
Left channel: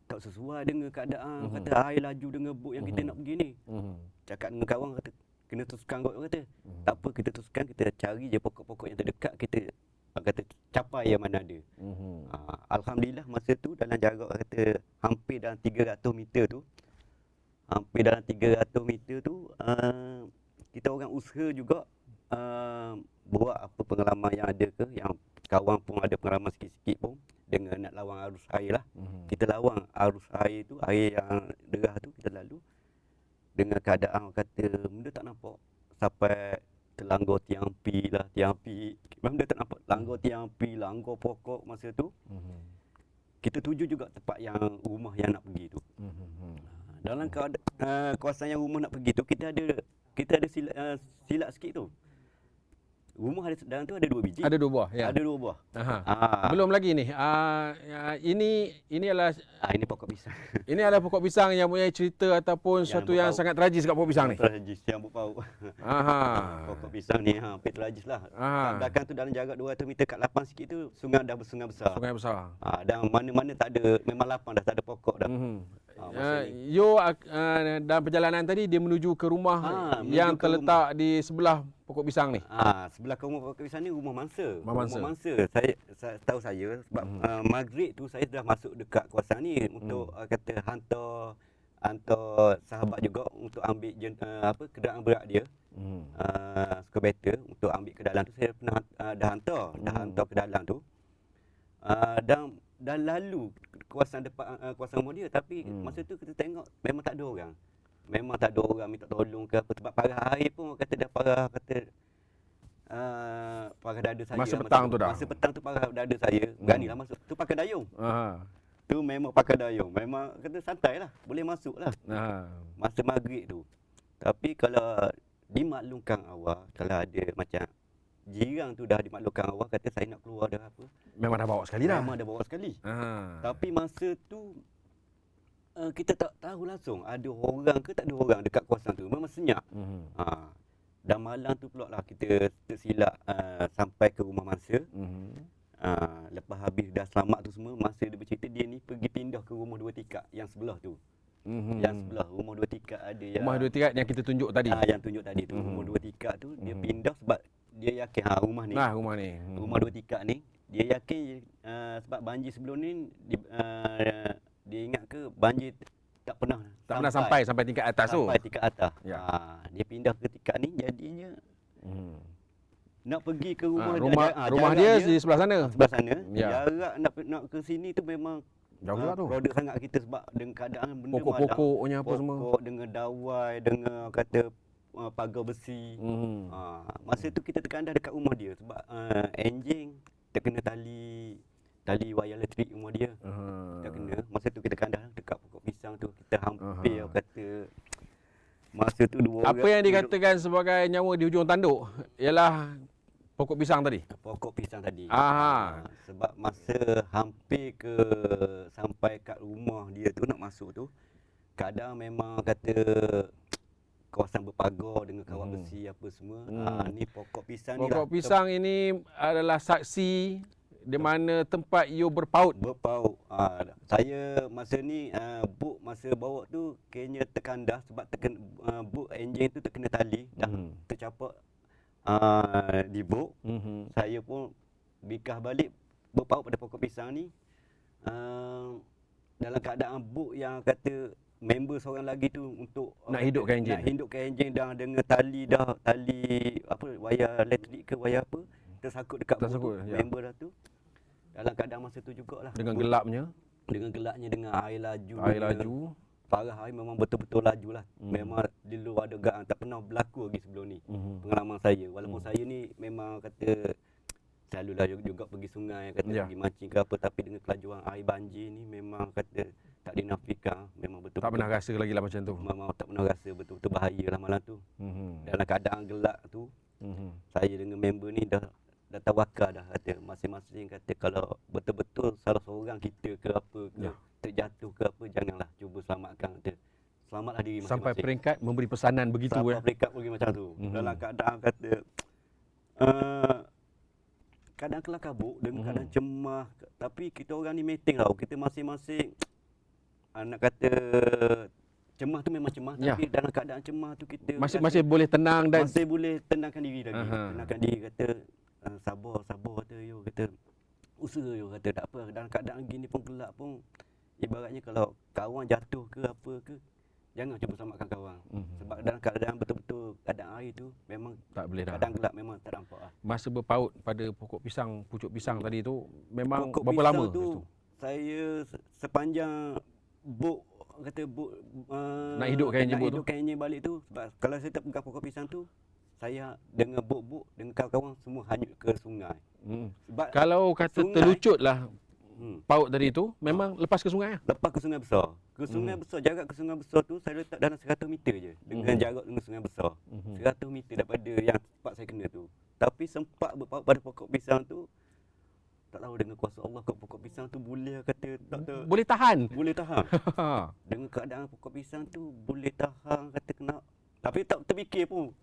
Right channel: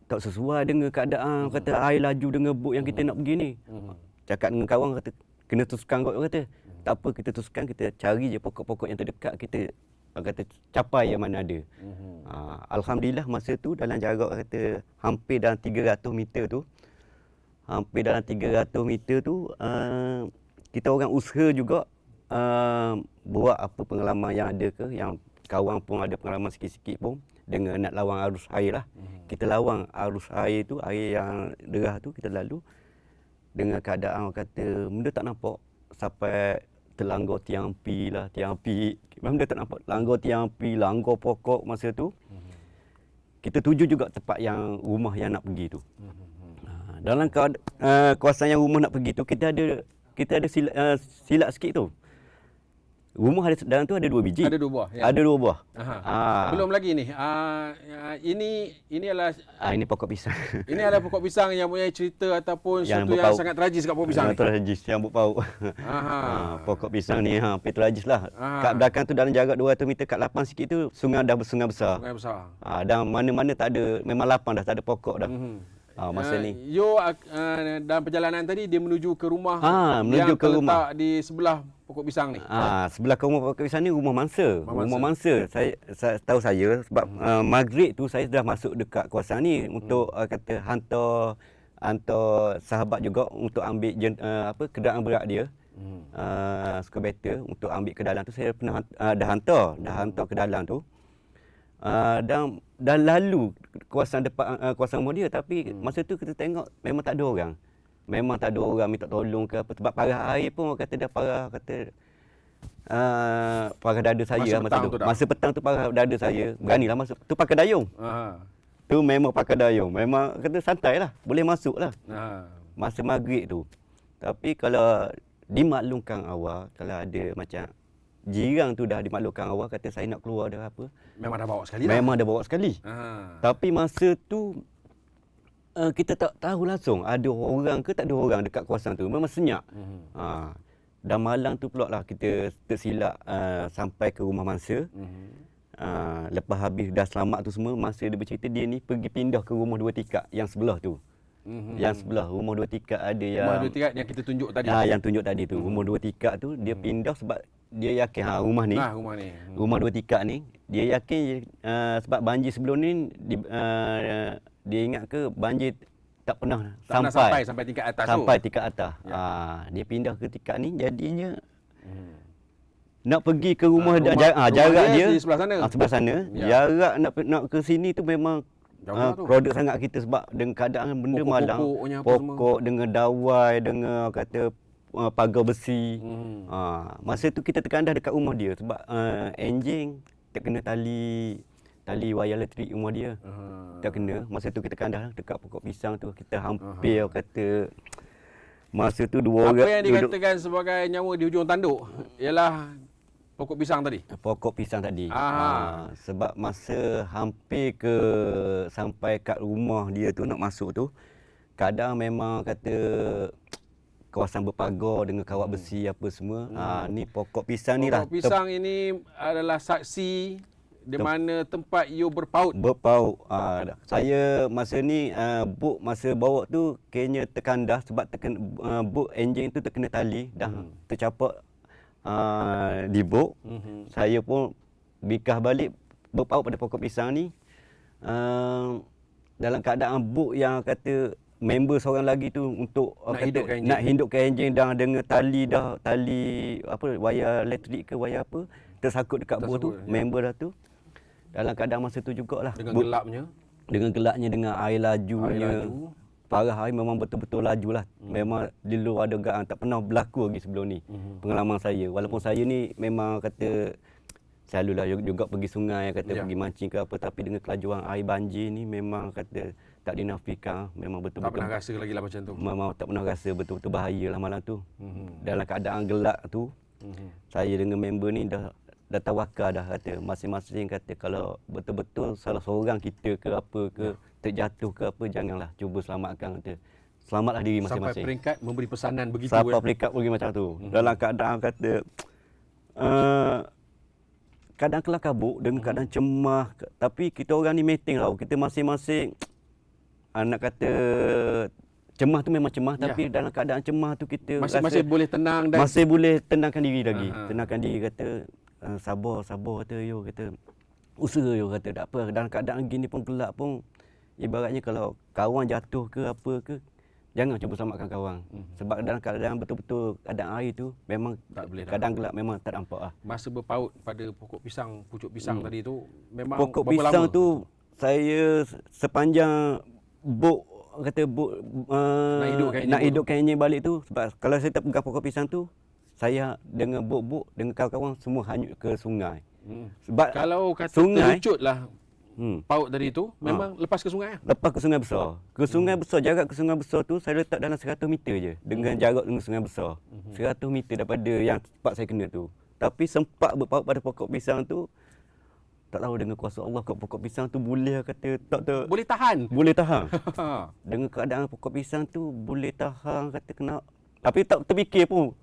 tak sesuai dengan keadaan kata air laju dengan bot yang kita nak pergi ni. Cakap dengan kawan kata kena teruskan kot kata. Tak apa kita teruskan, kita cari je pokok-pokok yang terdekat, kita kata capai yang mana ada. Alhamdulillah masa tu dalam jarak kata hampir dalam 300 meter tu. Kita orang usaha juga buat apa pengalaman yang ada ke, yang kawan pun ada pengalaman sikit-sikit pun dengan nak lawan arus air lah. Kita lawan arus air tu, air yang derah tu kita lalu. dengan keadaan orang kata benda tak nampak sampai terlanggar tiang api lah, tiang api. Memang dia tak nampak. Langgar tiang api, langgar pokok masa tu. Kita tuju juga tempat yang rumah yang nak pergi tu. Dalam kawasan yang rumah nak pergi tu, kita ada silap sikit tu. Rumah ada dalam tu ada 2 biji. Ada 2 buah. Ya. Ada 2 buah. Belum lagi ni. Ini adalah Ini pokok pisang. ini adalah pokok pisang yang mempunyai cerita ataupun Yang sesuatu yang berpaut. sangat tragis kat pokok pisang ni. Tragis yang berpaut. Pokok pisang ni hampir tragis lah. Aha. Kat belakang tu dalam jarak 200 meter kat lapang sikit tu sungai besar. Sungai besar. Dan mana-mana tak ada, memang lapang dah, tak ada pokok dah. Masa ni. Dalam perjalanan tadi dia menuju ke rumah Menuju yang ke terletak di sebelah pokok pisang ni. Sebelah ke rumah pokok pisang ni rumah mangsa. Rumah Rumah mangsa. Saya tahu saya sebab maghrib tu saya dah masuk dekat kawasan ni untuk kata hantar sahabat juga untuk ambil kenderaan berat dia. Skubator untuk ambil ke dalam tu saya pernah dah hantar ke dalam tu. Dan lalu kawasan depan kawasan rumah dia, tapi masa tu kita tengok memang tak ada orang. Memang tak ada orang minta tolong ke apa, sebab parah air pun orang kata dah parah, kata parah dada saya masa petang tu parah dada saya. Beranilah masuk. Tu pakai dayung. Tu memang pakai dayung. Memang kata santai lah, boleh masuk lah. Masa maghrib tu. Tapi kalau dimaklumkan awal, kalau ada macam jiran tu dah dimaklumkan awal, kata saya nak keluar dah apa. Memang dah bawa sekali dah. Memang dah bawa sekali. Tapi masa tu kita tak tahu langsung ada orang ke tak ada orang dekat kawasan tu. Memang senyap. Dan malam tu pula lah kita tersilap sampai ke rumah mangsa. Lepas habis dah selamat tu semua, masa dia bercerita dia ni pergi pindah ke rumah 2 tikar yang sebelah tu. Yang sebelah rumah 2 tikar ada yang rumah 2 tikar yang kita tunjuk tadi. Yang tunjuk tadi tu. Rumah 2 tikar tu dia pindah sebab dia yakin rumah ni. Rumah 2 tikar ni dia yakin sebab banjir sebelum ni dia ingat ke banjir tak pernah sampai tingkat atas tu. Sampai tingkat atas. Dia pindah ke tikar ni jadinya nak pergi ke rumah jarak dia di sebelah sana. Sebelah sana. Jarak nak ke sini tu memang produk sangat kita sebab dengan keadaan benda malang, pokok dengan dawai, dengan kata pagar besi. Masa tu kita terkandas dekat rumah dia sebab enjing terkena tali wayar elektrik rumah dia. Terkena. Masa tu kita kandas dekat pokok pisang tu, kita hampir kata masa tu 2 orang. Apa yang dikatakan sebagai nyawa di hujung tanduk ialah pokok pisang tadi. Pokok pisang tadi. Sebab masa hampir sampai kat rumah dia tu nak masuk tu, kadang memang kata kawasan berpagar dengan kawat besi apa semua. Ni pokok pisang ni lah. Pokok pisang ini adalah saksi di mana tempat you berpaut. Saya masa ni masa bawa tu kayaknya terkandas sebab buk enjin tu terkena tali dah tercapak di buk. Saya pun bikah balik berpaut pada pokok pisang ni dalam keadaan buk yang kata member seorang lagi tu untuk nak hidupkan enjin dah dengan tali apa wayar elektrik ke wayar apa tersangkut dekat buk tu. Member dah tu dalam keadaan masa tu jugalah dengan gelapnya dengan air laju. Parah air memang betul-betul laju lah. Memang di luar dugaan, tak pernah berlaku lagi sebelum ni. Pengalaman saya. Walaupun saya ni memang kata selalulah juga pergi sungai, kata pergi mancing ke apa, tapi dengan kelajuan air banjir ni memang kata tak dinafikan. Memang betul-betul. Tak pernah rasa lagi lah macam tu. Memang tak pernah rasa betul-betul bahaya lah malam tu. Dalam keadaan gelap tu, saya dengan member ni dah tawakal dah, kata masing-masing kata kalau betul-betul salah seorang kita ke apa ke terjatuh ke apa, janganlah, cuba selamatkan, kata selamatlah diri masing-masing. Sampai peringkat memberi pesanan begitu. Sampai peringkat pergi macam tu. Dalam keadaan kata kadang kelah kabut dengan keadaan cemas, tapi kita orang ni meeting tau. Kita masing-masing nak kata cemas tu memang cemas, tapi dalam keadaan cemas tu kita masih boleh tenang dan masih boleh tenangkan diri lagi. Tenangkan diri, kata sabar kata yo, kata usaha yo, kata tak apa. Dalam keadaan gini pun gelap pun, ibaratnya kalau kawan jatuh ke apa ke, jangan cuba selamatkan kawan. Sebab dalam keadaan betul-betul keadaan air tu memang tak boleh dah. Keadaan gelap memang tak nampak lah. Masa berpaut pada pokok pisang, pucuk pisang tadi tu memang pokok berapa pisang lama? tu saya sepanjang buk kata buk Nak hidupkan enjin balik tu, sebab kalau saya tak pegang pokok pisang tu, saya dengan buk dengan kawan-kawan semua hanyut ke sungai. Sebab kalau kata sungai, terlucutlah paut tadi tu, memang lepas ke sungai lah. Lepas ke sungai besar. Ke sungai besar, jarak ke sungai besar tu saya letak dalam 100 meter je. Dengan jarak dengan sungai besar. 100 meter daripada yang tempat saya kena tu. Tapi sempat berpaut pada pokok pisang tu, tak tahu dengan kuasa Allah pokok pisang tu boleh kata Boleh tahan. boleh tahan. Dengan keadaan pokok pisang tu boleh tahan kata kena. Tapi tak terfikir pun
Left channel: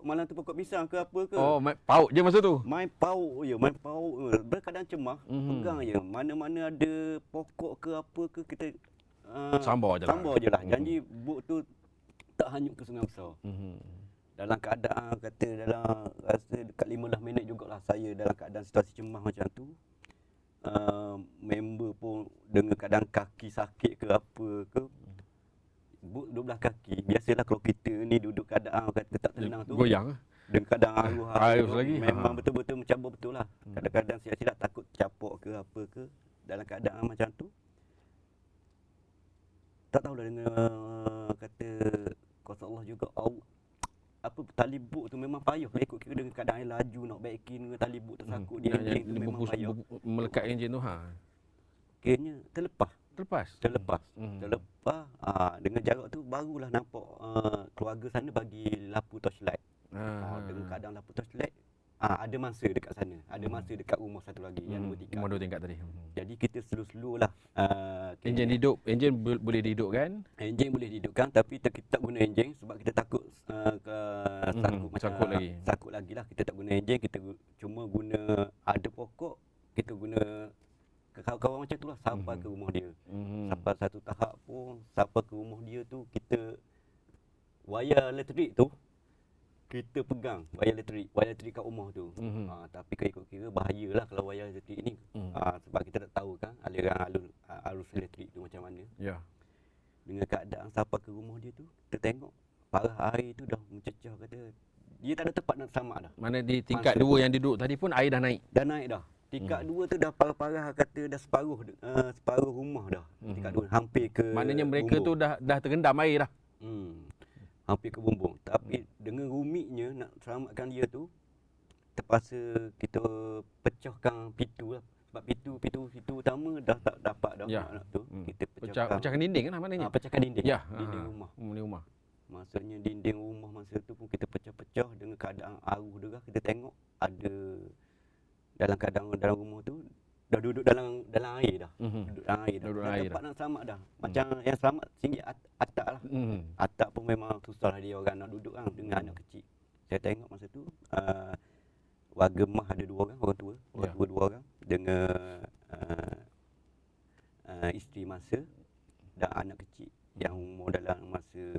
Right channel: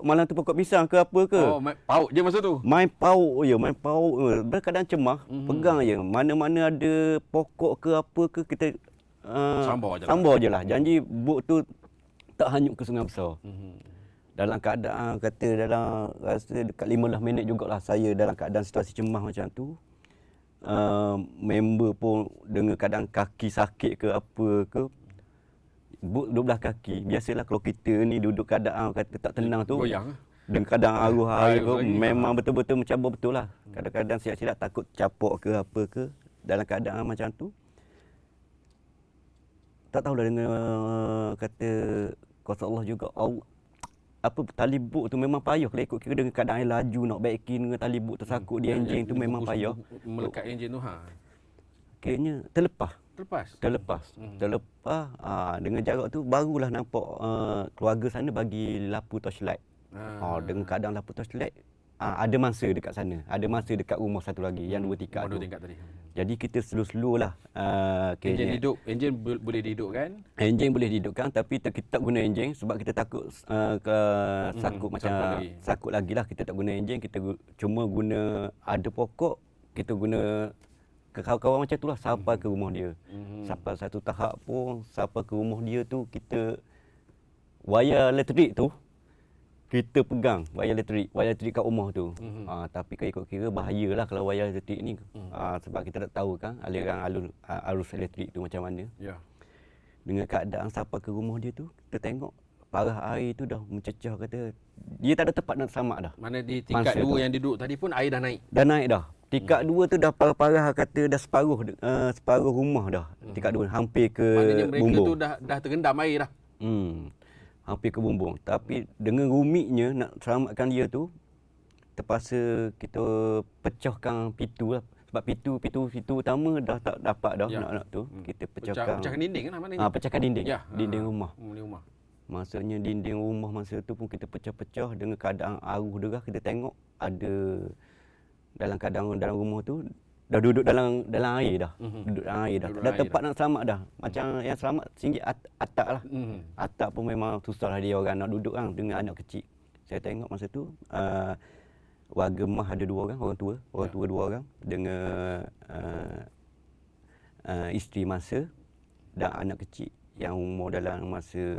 malam tu pokok pisang ke apa ke. Oh, paut je masa tu. Main paut je. Berkadang cemah, pegang je. Mana-mana ada pokok ke apa ke kita Sambar je lah. Janji bot tu tak hanyut ke sungai besar. Dalam keadaan rasa dekat 15 minit jugalah saya dalam keadaan situasi cemah macam tu. Member pun dengan keadaan kaki sakit ke apa ke. Bot 12 kaki. Biasalah kalau kita ni duduk keadaan kata tak tenang tu. Goyang. Dengan keadaan arwah air tu lagi. memang betul-betul mencabar betul lah. Kadang-kadang silap-silap takut capok ke apa ke. Dalam keadaan macam tu. Tak tahulah dengan kata kuasa Allah juga. Tali bot tu memang payah kalau ikut kira dengan keadaan air laju nak baikin dengan tali bot tersangkut di enjin tu memang payah. Melekat enjin tu Kayaknya terlepas. Terlepas. Dengan jarak tu barulah nampak keluarga sana bagi lampu torchlight. Dengan keadaan lampu torchlight ada mangsa dekat sana. Ada mangsa dekat rumah satu lagi yang 2 tingkat. Rumah 2 tingkat tadi. Jadi kita slow-slow lah. Enjin hidup, enjin boleh dihidupkan. Enjin boleh dihidupkan tapi kita tak guna enjin sebab kita takut sakut lagi lah. Kita tak guna enjin, kita cuma guna ada pokok, kita guna kawan-kawan macam tu lah sampai ke rumah dia. Sampai satu tahap pun sampai ke rumah dia tu kita wayar elektrik tu kita pegang wayar elektrik kat rumah tu. Tapi ikut kira bahayalah kalau wayar elektrik ni. Sebab kita tak tahu kan aliran arus elektrik tu macam mana. Ya. Dengan keadaan sampai ke rumah dia tu, kita tengok parah air tu dah mencecah kata dia tak ada tempat nak selamat dah. Mana di tingkat 2 yang duduk tadi pun air dah naik. Dah naik dah. Tingkat 2 tu dah parah-parah kata dah separuh rumah dah. Tingkat 2 hampir ke maknanya mereka bumbung. tu dah terendam air dah. Hampir ke bumbung. Tapi dengan rumitnya nak selamatkan dia tu, terpaksa kita pecahkan pintu lah. Sebab pintu utama dah tak dapat dah nak tu. Kita pecahkan dinding kan maknanya? Pecahkan dinding. Ya. Dinding rumah. Rumah. Maksudnya dinding rumah masa tu pun kita pecah-pecah dengan keadaan arus derah. Kita tengok ada dalam keadaan dalam rumah tu dah duduk dalam air dah. Duduk dalam air dah. Dah tempat nak selamat dah. Macam yang selamat singgit atap lah. Atap pun memang susah lah dia orang nak duduk kan dengan anak kecil. Saya tengok masa tu warga mah ada 2 orang, orang tua 2 orang dengan isteri masa dan anak kecil yang umur dalam masa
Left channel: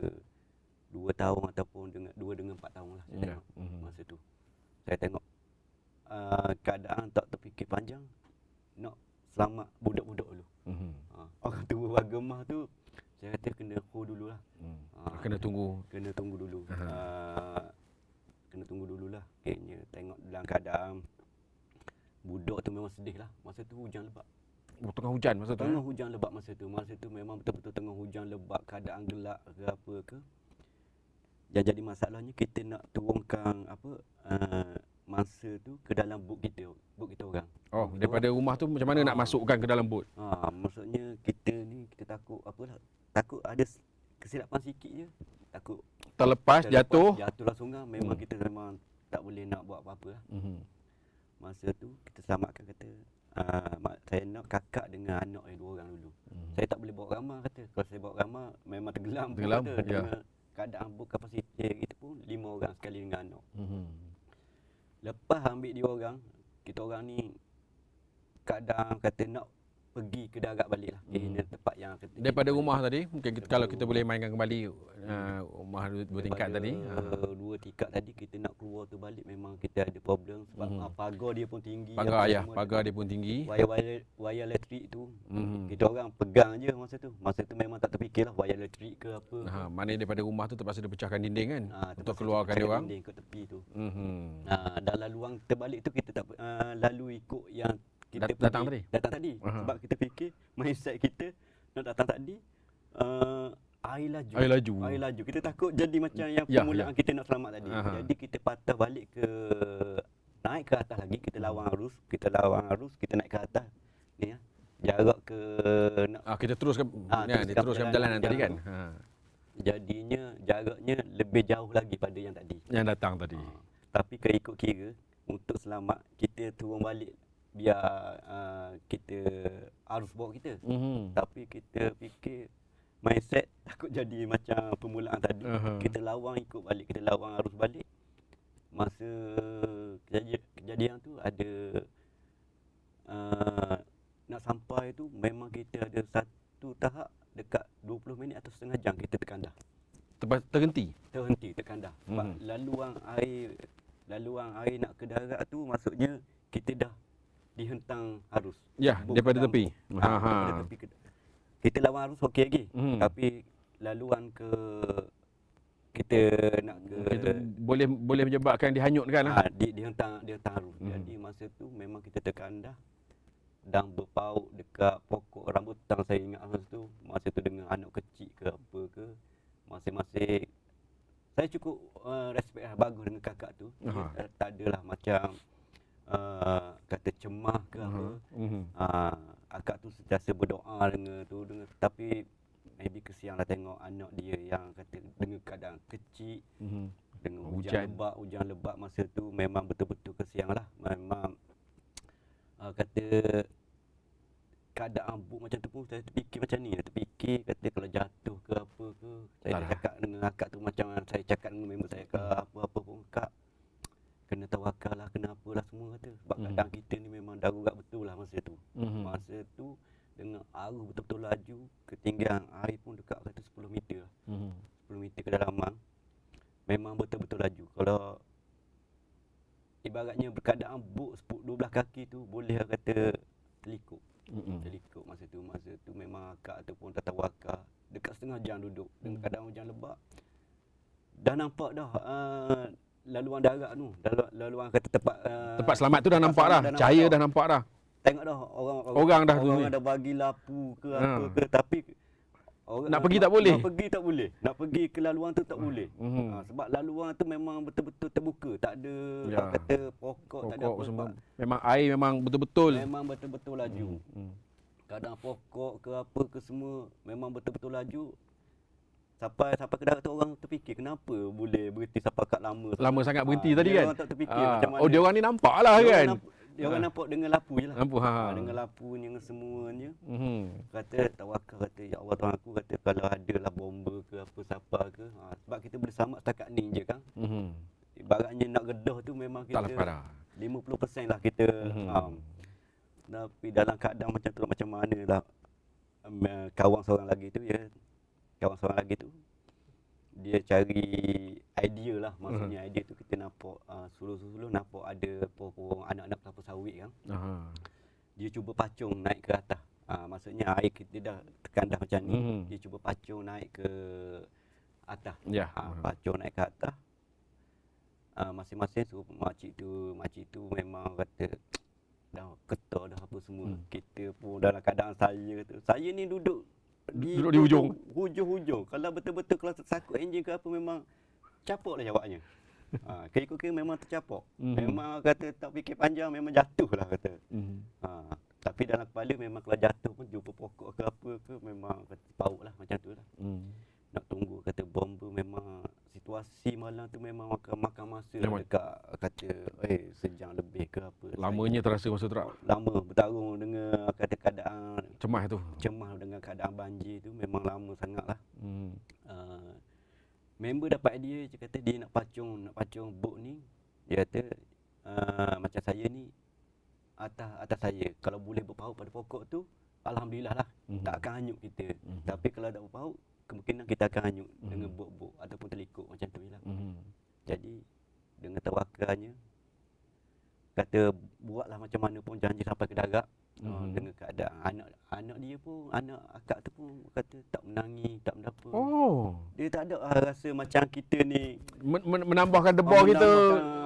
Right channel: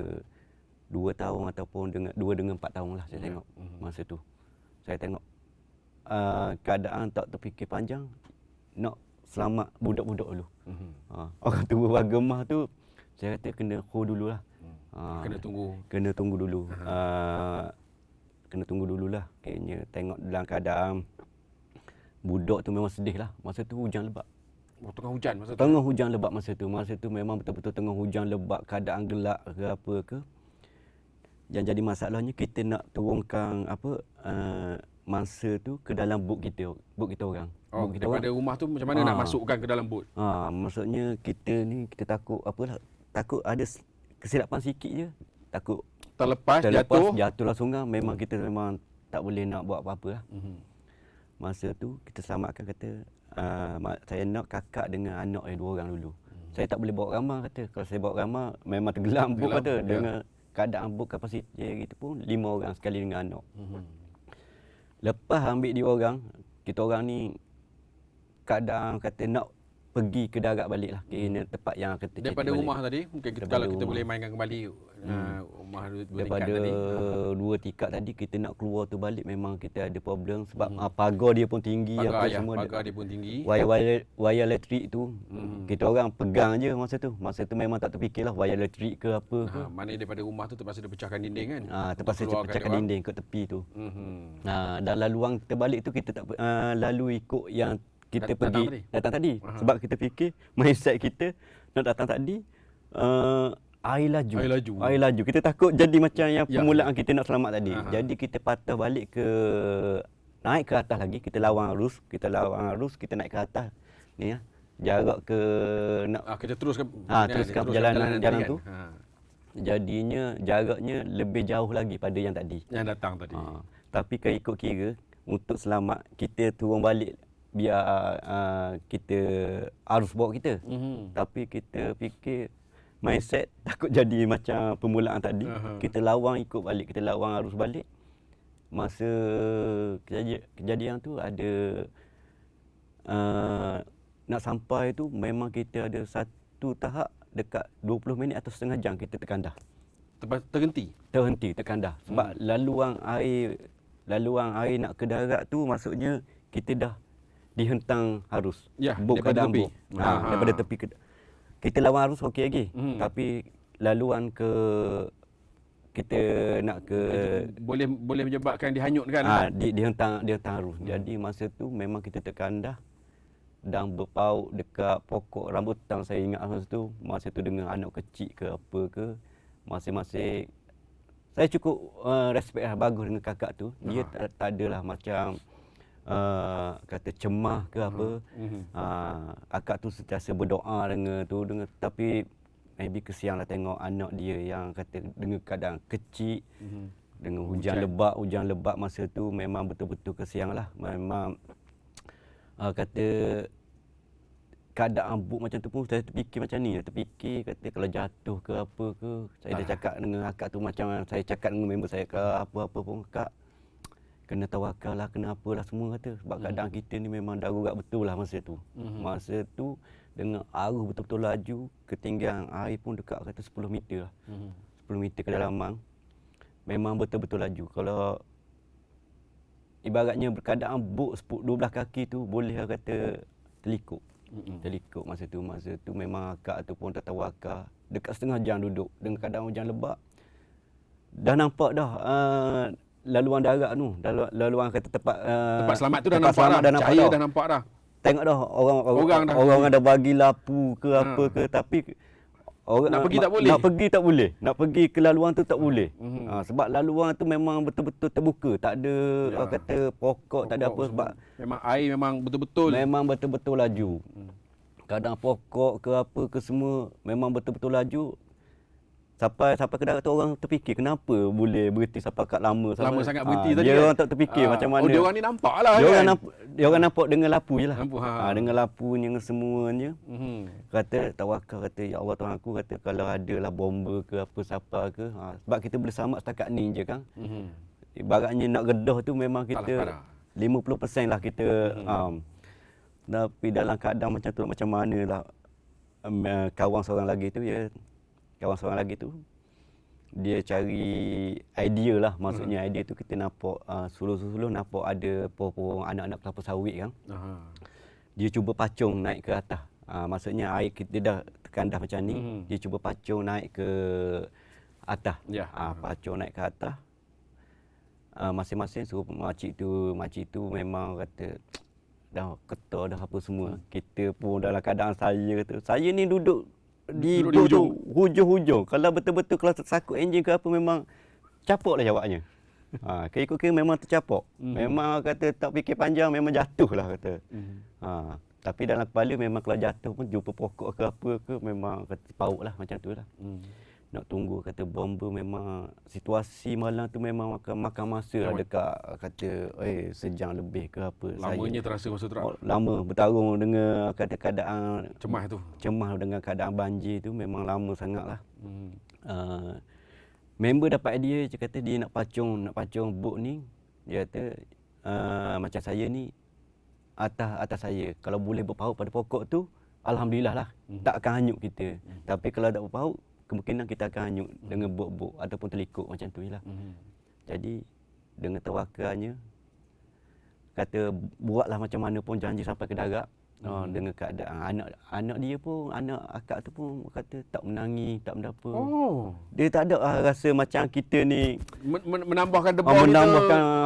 2 tahun ataupun dengan 2 dengan 4 tahun lah saya tengok masa tu. Saya tengok keadaan tak terfikir panjang nak selamat budak-budak dulu. Orang tua warga mah tu saya kata kena hold dululah. Kena tunggu dulu. Kena tunggu dululah. Kayaknya tengok dalam keadaan budak tu memang sedih lah. Masa tu hujan lebat. Tengah hujan masa tu. Tengah hujan lebat masa tu. Masa tu memang betul-betul tengah hujan lebat, keadaan gelap ke apa ke. Yang jadi masalahnya kita nak turunkan mangsa tu ke dalam bot kita orang. Bot kita daripada rumah tu macam mana nak masukkan ke dalam bot? Maksudnya kita ni kita takut takut ada kesilapan sikit je. Takut terlepas jatuhlah sungai. Memang kita memang tak boleh nak buat apa-apa lah. Masa tu kita selamatkan kata saya nak kakak dengan anak 2 orang dulu. Saya tak boleh bawa ramah kata. Kalau saya bawa ramah memang tenggelam bot kata. Dengan keadaan bot kapasiti gitu pun 5 orang sekali dengan anak. Lepas ambil dia orang, kita orang ni keadaan kata nak pergi ke darat balik lah. Kira tempat yang kata daripada rumah tadi, mungkin kalau kita boleh mainkan kembali rumah 2 tingkat tadi. 2 tingkat tadi kita nak keluar tu balik memang kita ada problem sebab pagar dia pun tinggi. Pagar dia pun tinggi. Wayar elektrik tu kita orang pegang je masa tu. Masa tu memang tak terfikirlah wayar elektrik ke apa. Mana daripada rumah tu terpaksa dipecahkan dinding kan? Terpaksa pecahkan dinding ke tepi tu. Dan laluan kita balik tu kita tak lalu ikut yang kita datang tadi. Sebab kita fikir mindset kita nak datang tadi Air laju. Air laju. Air laju. Kita takut jadi macam yang Ya, permulaan kita nak selamat tadi. Aha. Jadi kita patah balik naik ke atas lagi, kita lawan arus, kita naik ke atas. Ni ya. Jarak ke Kita teruskan teruskan perjalanan tadi kan. tu. Jadinya jaraknya lebih jauh lagi pada yang tadi. Yang datang tadi. Tapi ikut kira untuk selamat kita turun balik biar kita arus bawa kita. Tapi kita fikir mindset takut jadi macam permulaan tadi. Kita lawang ikut balik, kita lawang arus balik. Masa kejadian tu ada nak sampai tu memang kita ada satu tahap dekat 20 minit atau setengah jam kita terkandah. Terhenti. Terkandah. Sebab laluan air nak ke darat tu maksudnya kita dah dihentang arus. Ya, daripada tepi. Daripada tepi kita lawan arus okey lagi. Tapi laluan kita nak ke kita boleh menyebabkan dihanyutkan. Dihentang arus. Jadi masa tu memang kita terkandah dan berpaut dekat pokok rambutan. Saya ingat masa tu dengan anak kecil ke apa ke, masing-masing saya cukup respect lah, bagus dengan kakak tu. Dia tak adalah macam kata cemah ke apa. Akak tu sentiasa berdoa dengan tapi maybe kesian lah tengok anak dia yang kata dengan keadaan kecil, dengan hujan lebat masa tu memang betul-betul kesian lah. Memang kata keadaan buk macam tu pun saya terfikir macam ni. Terfikir kata kalau jatuh ke apa ke. Saya dah cakap dengan akak tu macam saya cakap dengan member saya ke apa-apa pun, Kak kena tawakal lah, kena apalah semua kata. Sebab keadaan kita ni memang darurat betul lah masa tu. Masa tu dengan arus betul-betul laju, ketinggian air pun dekat kata 10 meter lah. 10 meter kedalaman. Memang betul-betul laju. Kalau ibaratnya keadaan bot 12 kaki tu boleh kata terlikuk. Terlikuk masa tu memang akak tu pun tak tawakal. Dekat setengah jam duduk dengan keadaan hujan lebat. Dah nampak dah laluan darat tu, laluan kata tempat selamat tu dah nampak dah. Cahaya dah nampak dah. Tengok dah orang dah bagi lampu ke apa ke, tapi nak pergi tak boleh. Nak pergi ke laluan tu tak boleh. Sebab laluan tu memang betul-betul terbuka, tak ada kata pokok, tak ada apa sebab memang air memang betul-betul laju. Kadang pokok ke apa ke semua memang betul-betul laju. Sampai ke darat tu orang terfikir kenapa boleh berhenti sampai kat lama sangat berhenti tadi dia kan. Orang tak terfikir macam mana. Dia orang ni nampak lah kan. Dia orang nampak dengan lapu je lah. Dengan Ha. lapunya semuanya. Kata tawakal, kata ya Allah Tuhan aku, kata kalau ada lah bomba ke apa siapa ke. Sebab kita boleh selamat setakat ni je kan. Ibaratnya nak redah tu memang kita 50% lah kita. Tapi dalam keadaan macam tu macam mana lah. Kawan seorang lagi tu dia cari idea lah, maksudnya idea tu kita nampak suluh-suluh nampak ada pohon anak-anak kelapa sawit kan. Dia cuba pacung naik ke atas. Maksudnya air kita dah terkandah macam ni, dia cuba pacung naik ke atas. Pacung naik ke atas. Masing-masing suruh makcik tu memang kata dah ketar dah apa semua. Kita pun dalam keadaan saya ni duduk di hujung. Kalau betul-betul kalau tersangkut enjin ke apa memang capok lah jawabnya. Kira-kira memang tercapok. Memang kata tak fikir panjang memang jatuh lah kata. Tapi dalam kepala memang kalau jatuh pun jumpa pokok ke apa ke memang kata paut lah macam tu lah. Nak tunggu kata bomba memang situasi malam tu memang makan masa lah dekat kata sejam lebih ke apa. Lamanya terasa masa tu. Lama bertarung dengan keadaan Cemah dengan keadaan banjir tu memang lama sangatlah. Member dapat idea dia kata dia nak pacung bot ni. Dia kata macam saya ni atas saya kalau boleh berpaut pada pokok tu alhamdulillah lah. Tak akan hanyut kita. Tapi kalau tak berpaut kemungkinan kita akan hanyut dengan bot-bot ataupun terlikuk macam tu jelah. Jadi dengan tawakalnya kata buatlah macam mana pun janji sampai ke darat. Dengan keadaan anak dia pun, anak akak tu pun kata tak menangis, tak menapa. Dia tak ada rasa macam kita ni menambahkan debar kita,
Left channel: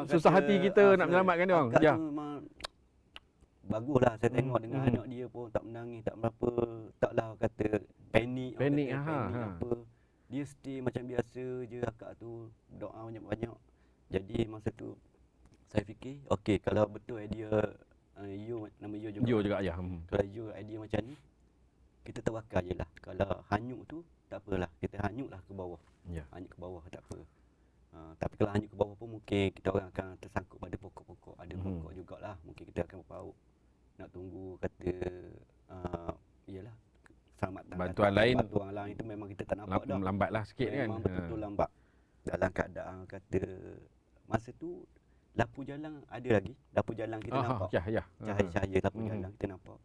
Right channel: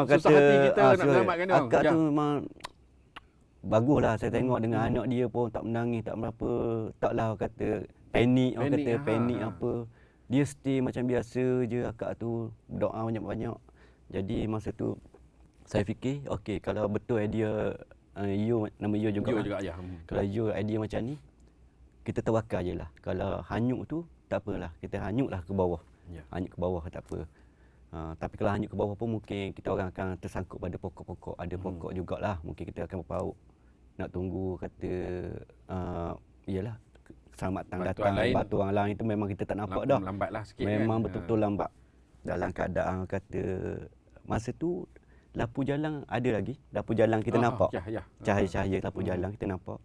susah hati kita nak menyelamatkan dia. Akak tu memang baguslah saya tengok dengan anak dia pun tak menangis, tak menapa. Taklah kata panik, orang Panik, kata panik ha. apa. Dia stay macam biasa je akak tu, doa banyak-banyak. Jadi masa tu saya fikir, okey kalau betul idea Yo, nama Yo juga. Yo kan. juga ya. Kalau Yo idea macam ni, kita tawakal je lah. Kalau hanyut tu tak apalah, kita hanyutlah ke bawah. Ya. Hanyut ke bawah tak apa. Tapi kalau hanyut ke bawah pun mungkin kita orang akan tersangkut pada pokok-pokok. Ada pokok jugalah, mungkin kita akan berpaut. Nak tunggu kata iyalah keselamatan Bantuan datang, lain. bantuan lain itu memang kita tak nampak dah. Lambatlah sikit kan. Memang betul-betul lambat. Dalam keadaan kata masa tu lampu jalan ada lagi. Lampu jalan kita nampak. Ya. Cahaya-cahaya lampu jalan kita nampak.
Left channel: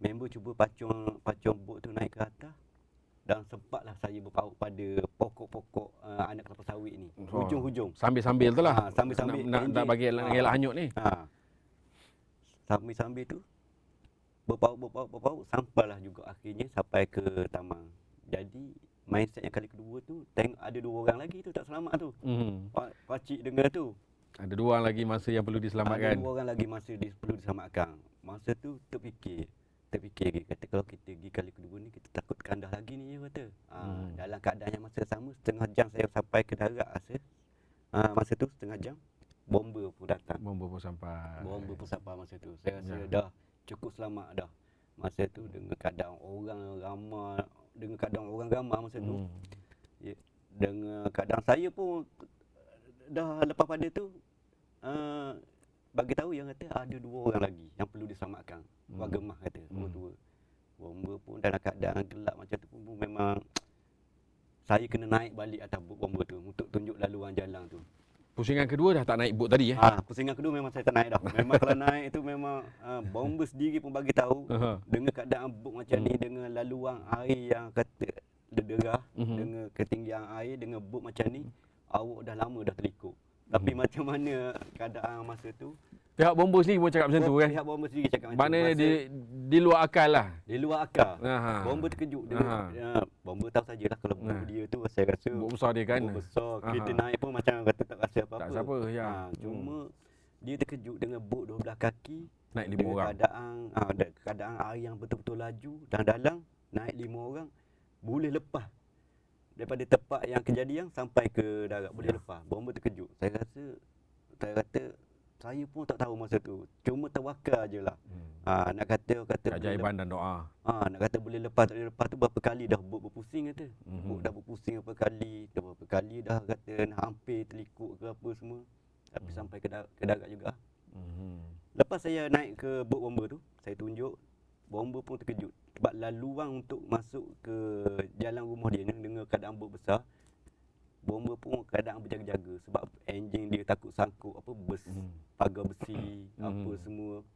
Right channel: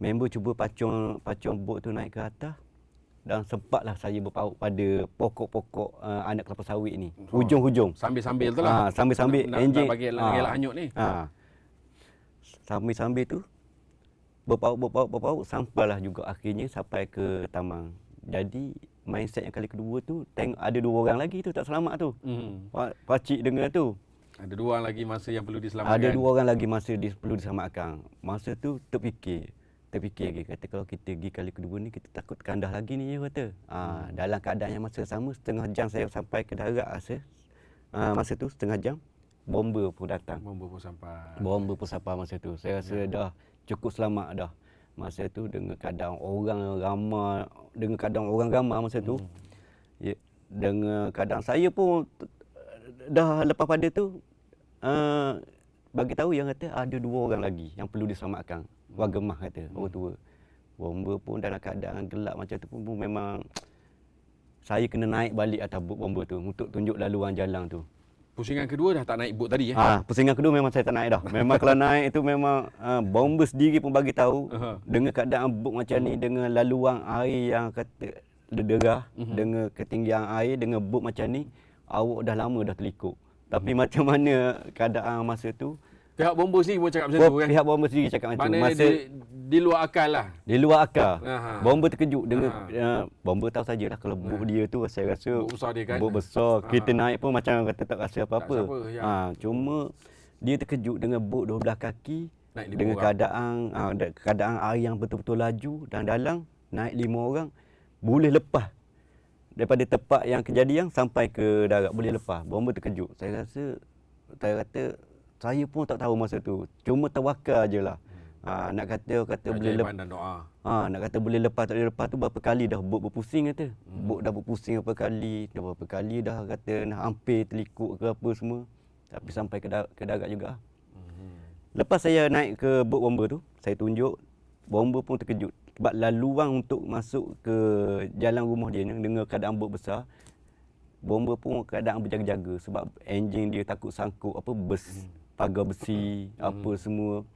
Member cuba pacung bot tu naik ke atas dan sempatlah saya berpaut pada pokok-pokok anak kelapa sawit ni. Hujung-hujung. Sambil-sambil tu lah. Sambil-sambil Nak bagi gelak hanyut ni. Sambil-sambil tu berpaut sampailah juga akhirnya sampai ke Tamang. Jadi mindset yang kali kedua tu tengok ada 2 orang lagi tu tak selamat tu. Pakcik dengar tu. Ada 2 orang lagi masa yang perlu diselamatkan. Ada 2 orang lagi masa perlu diselamatkan. Masa tu terfikir lagi kata kalau kita pergi kali kedua ni kita takut kandah lagi ni dia kata. Dalam keadaan yang masa sama setengah jam saya sampai ke darat rasa. Masa tu setengah jam bomba pun datang. Bomba pun sampai. Bomba pun sampai masa tu. Saya rasa dah cukup selamat dah. Masa tu dengan keadaan orang ramai masa tu. Ya, dengan keadaan saya pun dah lepas pada tu bagi tahu yang kata ada 2 orang lagi yang perlu diselamatkan. Warga Mah kata, orang tua. Bomba pun dalam keadaan gelap macam tu pun memang saya kena naik balik atas bot bomba tu untuk tunjuk laluan jalan tu. Pusingan kedua dah tak naik bot tadi Pusingan kedua memang saya tak naik dah. Memang kalau naik itu memang bomba sendiri pun bagi tahu dengan keadaan bot macam ni, dengan laluan air yang kata derah, dengan ketinggian air, dengan bot macam ni, awak dah lama dah terlikuk. Tapi macam mana keadaan masa tu? Pihak bomba sendiri pun cakap macam tu kan? Pihak bomba sendiri cakap macam tu. Maknanya di luar akal lah. Di luar akal. Bomba terkejut dengan bomba tahu sajalah kalau bot dia tu saya rasa bot besar dia kan. Bot besar. Kita naik pun macam kata tak rasa apa-apa. Cuma dia terkejut dengan bot 12 kaki naik 5 dengan orang. keadaan air yang betul-betul laju dan dalam naik 5 orang boleh lepas daripada tempat yang kejadian sampai ke darat boleh lepas. Bomba terkejut. Saya kata saya pun tak tahu masa tu. Cuma tawakal je lah. Nak kata boleh lepas dan doa. Nak kata boleh lepas tak boleh lepas tu berapa kali dah bot berpusing kata. Bot dah berpusing berapa kali dah kata nak hampir terlikuk ke apa semua. Tapi sampai ke darat juga. Lepas saya naik ke bot bomba tu, saya tunjuk bomba pun terkejut. Sebab laluan untuk masuk ke jalan rumah dia ni dengan keadaan bot besar, bomba pun keadaan berjaga-jaga sebab enjin dia takut sangkut apa pagar besi apa semua.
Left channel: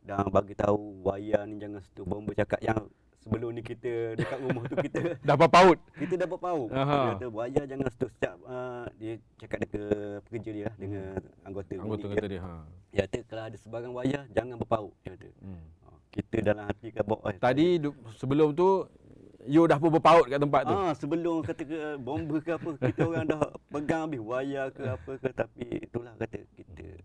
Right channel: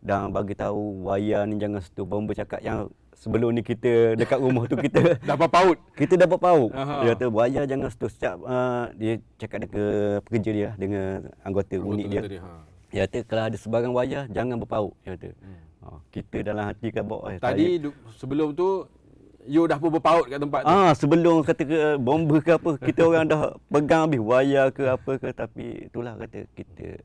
Dan bagi tahu wayar ni jangan sentuh. Bomba cakap yang sebelum ni kita dekat rumah tu kita dapat paut. Kita dapat paut. Dia kata wayar jangan sentuh. Setiap dia cakap dengan pekerja dia dengan anggota unit dia. Dia kata kalau ada sebarang wayar jangan berpaut. Dia kata. Kita dalam hati kan bawa. Tadi sebelum tu you dah pun berpaut kat tempat tu. Sebelum kata ke bomba ke apa, kita orang dah pegang habis wayar ke apa ke, tapi itulah kata kita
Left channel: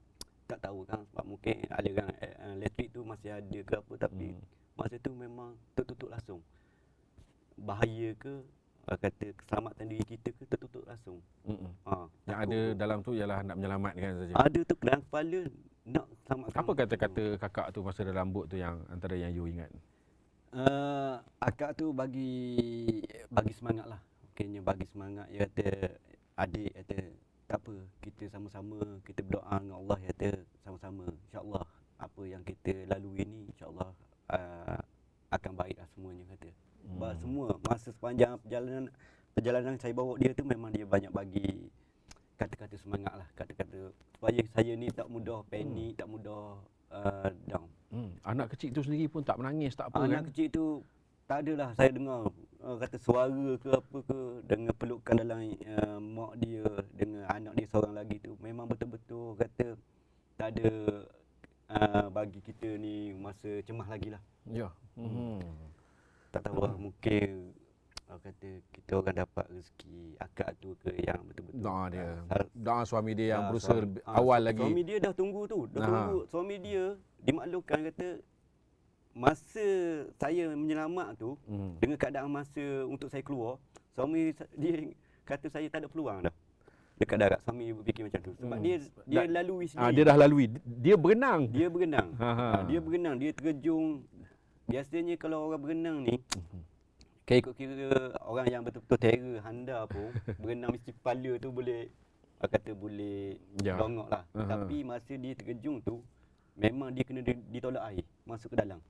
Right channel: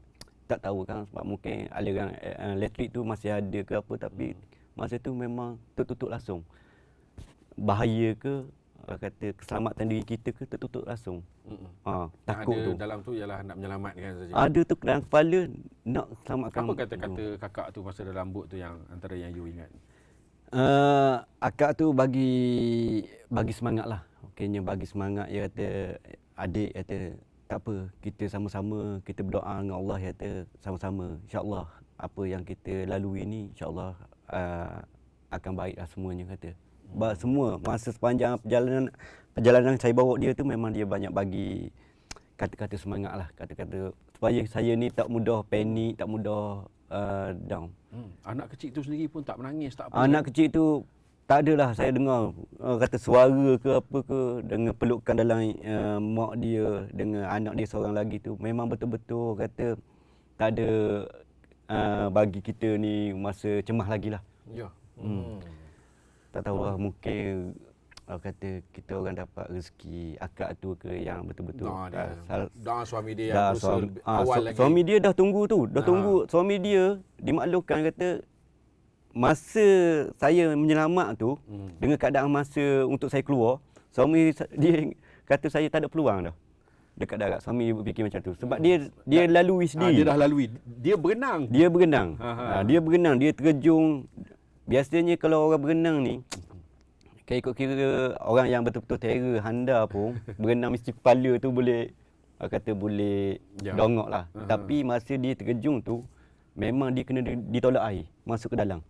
tak tahu kan sebab mungkin aliran elektrik tu masih ada ke apa, tapi masa tu memang tertutup langsung. Bahaya ke kata keselamatan diri kita ke tertutup langsung. Takut ada tu. Dalam tu ialah nak menyelamatkan saja. Ada tu dalam kepala nak selamatkan. Apa kata-kata kakak tu masa dalam bot tu yang antara yang you ingat? Akak tu bagi semangat lah. Okeynya bagi semangat. Dia kata adik kata tak apa, kita sama-sama kita berdoa dengan Allah. Dia kata sama-sama insya-Allah apa yang kita lalui ni insya-Allah akan baiklah semuanya kata. Semua masa sepanjang perjalanan saya bawa dia tu memang dia banyak bagi kata-kata semangat lah, kata-kata supaya saya ni tak mudah panik, tak mudah down. Anak kecil tu sendiri pun tak menangis tak apa. Anak kecil tu tak adalah saya dengar kata suara ke apa ke dengan pelukan dalam mak dia dengan anak dia seorang lagi tu memang betul-betul kata tak ada bagi kita ni masa cemas lagi lah. Ya. Tak tahu lah mungkin kata kita orang dapat rezeki akak tu ke yang betul-betul doa suami dia yang berusaha awal lagi. Suami dia dah tunggu tu, tunggu suami dia dimaklumkan kata masa saya menyelamat tu, dengan keadaan masa untuk saya keluar, dia kata saya tak ada peluang dah dekat darat. Suami berfikir macam tu. Sebab dia lalui sendiri. Dia dah lalui. Dia berenang. Dia berenang. Dia berenang, dia terjun. Biasanya kalau orang berenang ni, ikut kira orang yang betul-betul terror handa pun, berenang mesti kepala tu boleh, kata boleh dongok lah. Tapi masa dia terjun tu, memang dia kena ditolak air masuk ke dalam.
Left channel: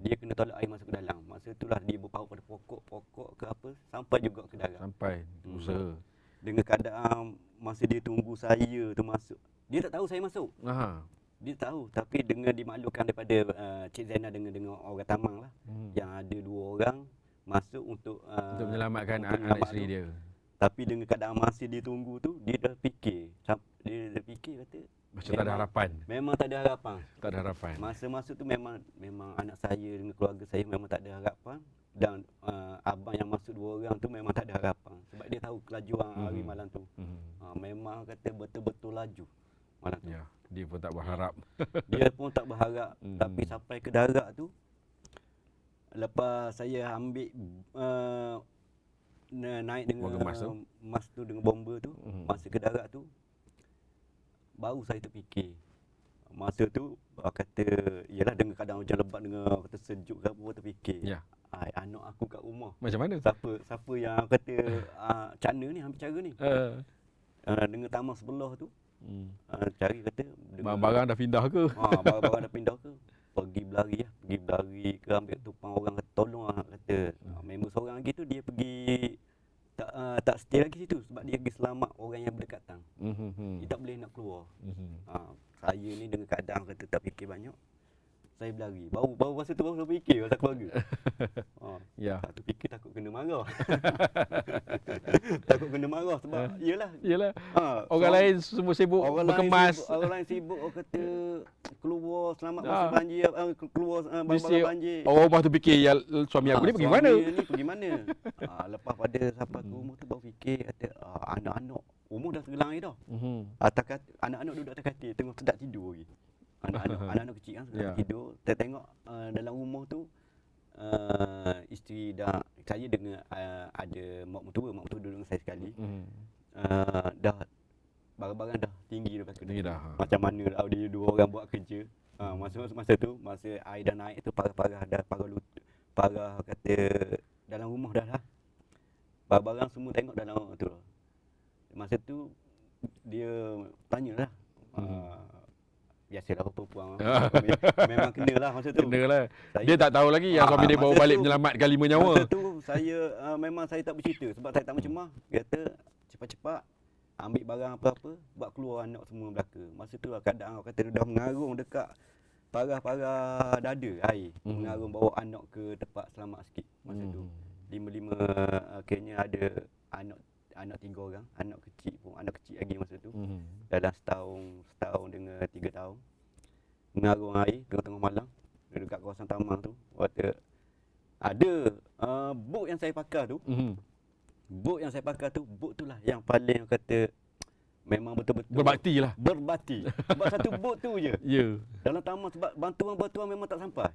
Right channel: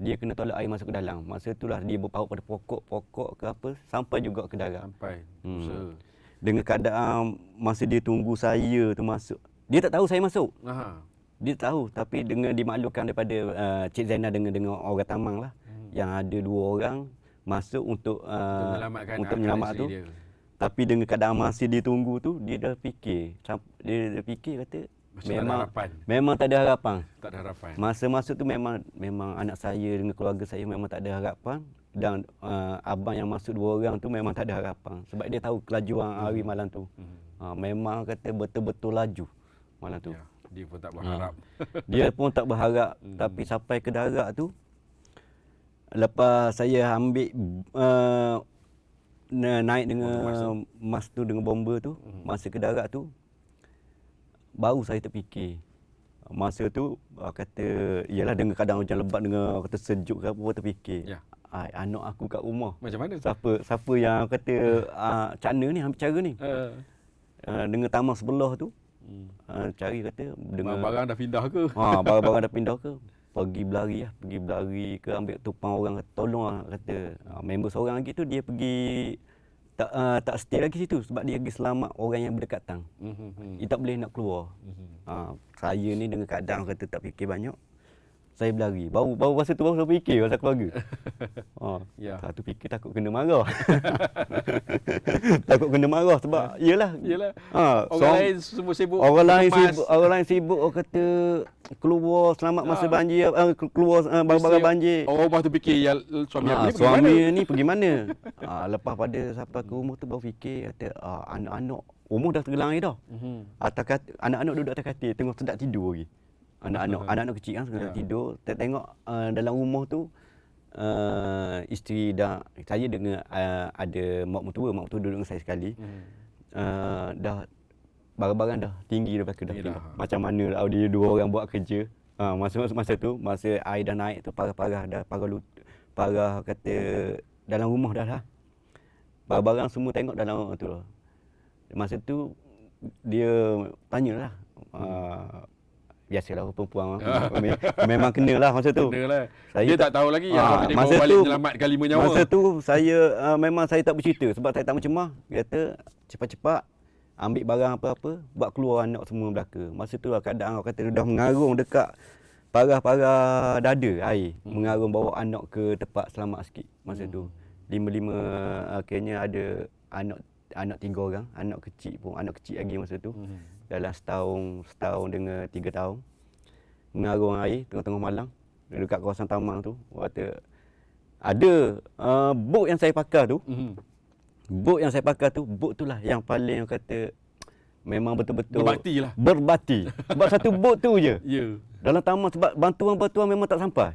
Dia kena tolak air masuk ke dalam. Masa itulah dia berpaut pada pokok ke apa sampai juga ke darat. Sampai usaha. Dengan keadaan masa dia tunggu saya tu masuk, dia tak tahu saya masuk. Dia tahu, tapi dengan dimaklumkan daripada Cik Zainal dengan orang Tamang lah, yang ada 2 orang masuk untuk menyelamatkan menyelamat isteri tu. dia. Tapi dengan keadaan masa dia tunggu tu, dia dah fikir kata Macam tak ada harapan. Memang tak ada harapan. Tak ada harapan. Masa masuk tu memang anak saya dengan keluarga saya memang tak ada harapan, dan abang yang masuk 2 orang tu memang tak ada harapan sebab dia tahu kelajuan hari malam tu. Memang kata betul-betul laju malam tu. Ya, dia pun tak berharap. Dia pun tak berharap. Tapi sampai ke darat tu, lepas saya ambil naik dengan mas tu dengan bomba tu, masa ke darat tu, baru saya terfikir. Masa tu kata, iyalah dengan keadaan hujan lebat, dengan kata sejuk ke apa, terfikir. Ya. Anak aku kat rumah. Macam mana? Siapa yang kata Cak Na ni ambil cara ni. Dengan taman sebelah tu, cari kata dengan barang dah pindah ke? Barang-barang dah pindah ke? Pergi berlari ke, ambil tupang orang, tolong lah kata. Member seorang lagi tu dia pergi tak stay lagi situ sebab dia pergi selamat orang yang berdekatan. Dia tak boleh nak keluar. Saya ni dengan keadaan kata tak fikir banyak, saya berlari. Baru masa tu baru saya fikir pasal keluarga. Ya. Satu fikir takut kena marah. Takut kena marah sebab iyalah. Orang lain semua sibuk. Orang lain sibuk orang kata keluar selamat masa banjir, keluar barang-barang banjir. Orang rumah tu fikir ya, suami aku ni pergi mana? Suami ni pergi mana? Lepas pada sampai ke rumah tu baru fikir kata anak-anak rumah dah tergelang air dah. Anak-anak duduk atas katil tengok sedap tidur lagi. Anak-anak kecil kan sedang tidur. Tengok dalam rumah tu isteri dah, saya dengan ada mak mertua duduk dengan saya sekali. Dah barang-barang dah tinggi dah dah. Macam mana lah dia 2 orang buat kerja. Masa tu masa air dah naik tu parah-parah dah, parah kata dalam rumah dah lah. Barang-barang semua tengok dalam tu lah. Masa tu dia tanyalah. Biasalah perempuan memang kenalah masa tu. Kenalah. Dia tak tahu lagi yang suami dia bawa balik menyelamatkan 5 nyawa. Masa tu memang saya tak bercerita sebab saya tak macam dia kata cepat-cepat ambil barang apa-apa, buat keluar anak semua belaka. Masa tu lah keadaan orang kata dah mengarung dekat parah-parah dada air. Mengarung bawa anak ke tempat selamat sikit masa tu. 5 akhirnya ada anak 3 orang, anak kecil lagi masa tu. Dalam setahun dengan 3 tahun. Mengarung air tengah-tengah malam dekat kawasan Tamang tu. Kata ada bot yang saya pakai tu. Bot tu lah yang paling kata memang betul-betul berbakti. Sebab satu bot tu je. Dalam Tamang sebab bantuan-bantuan memang tak sampai.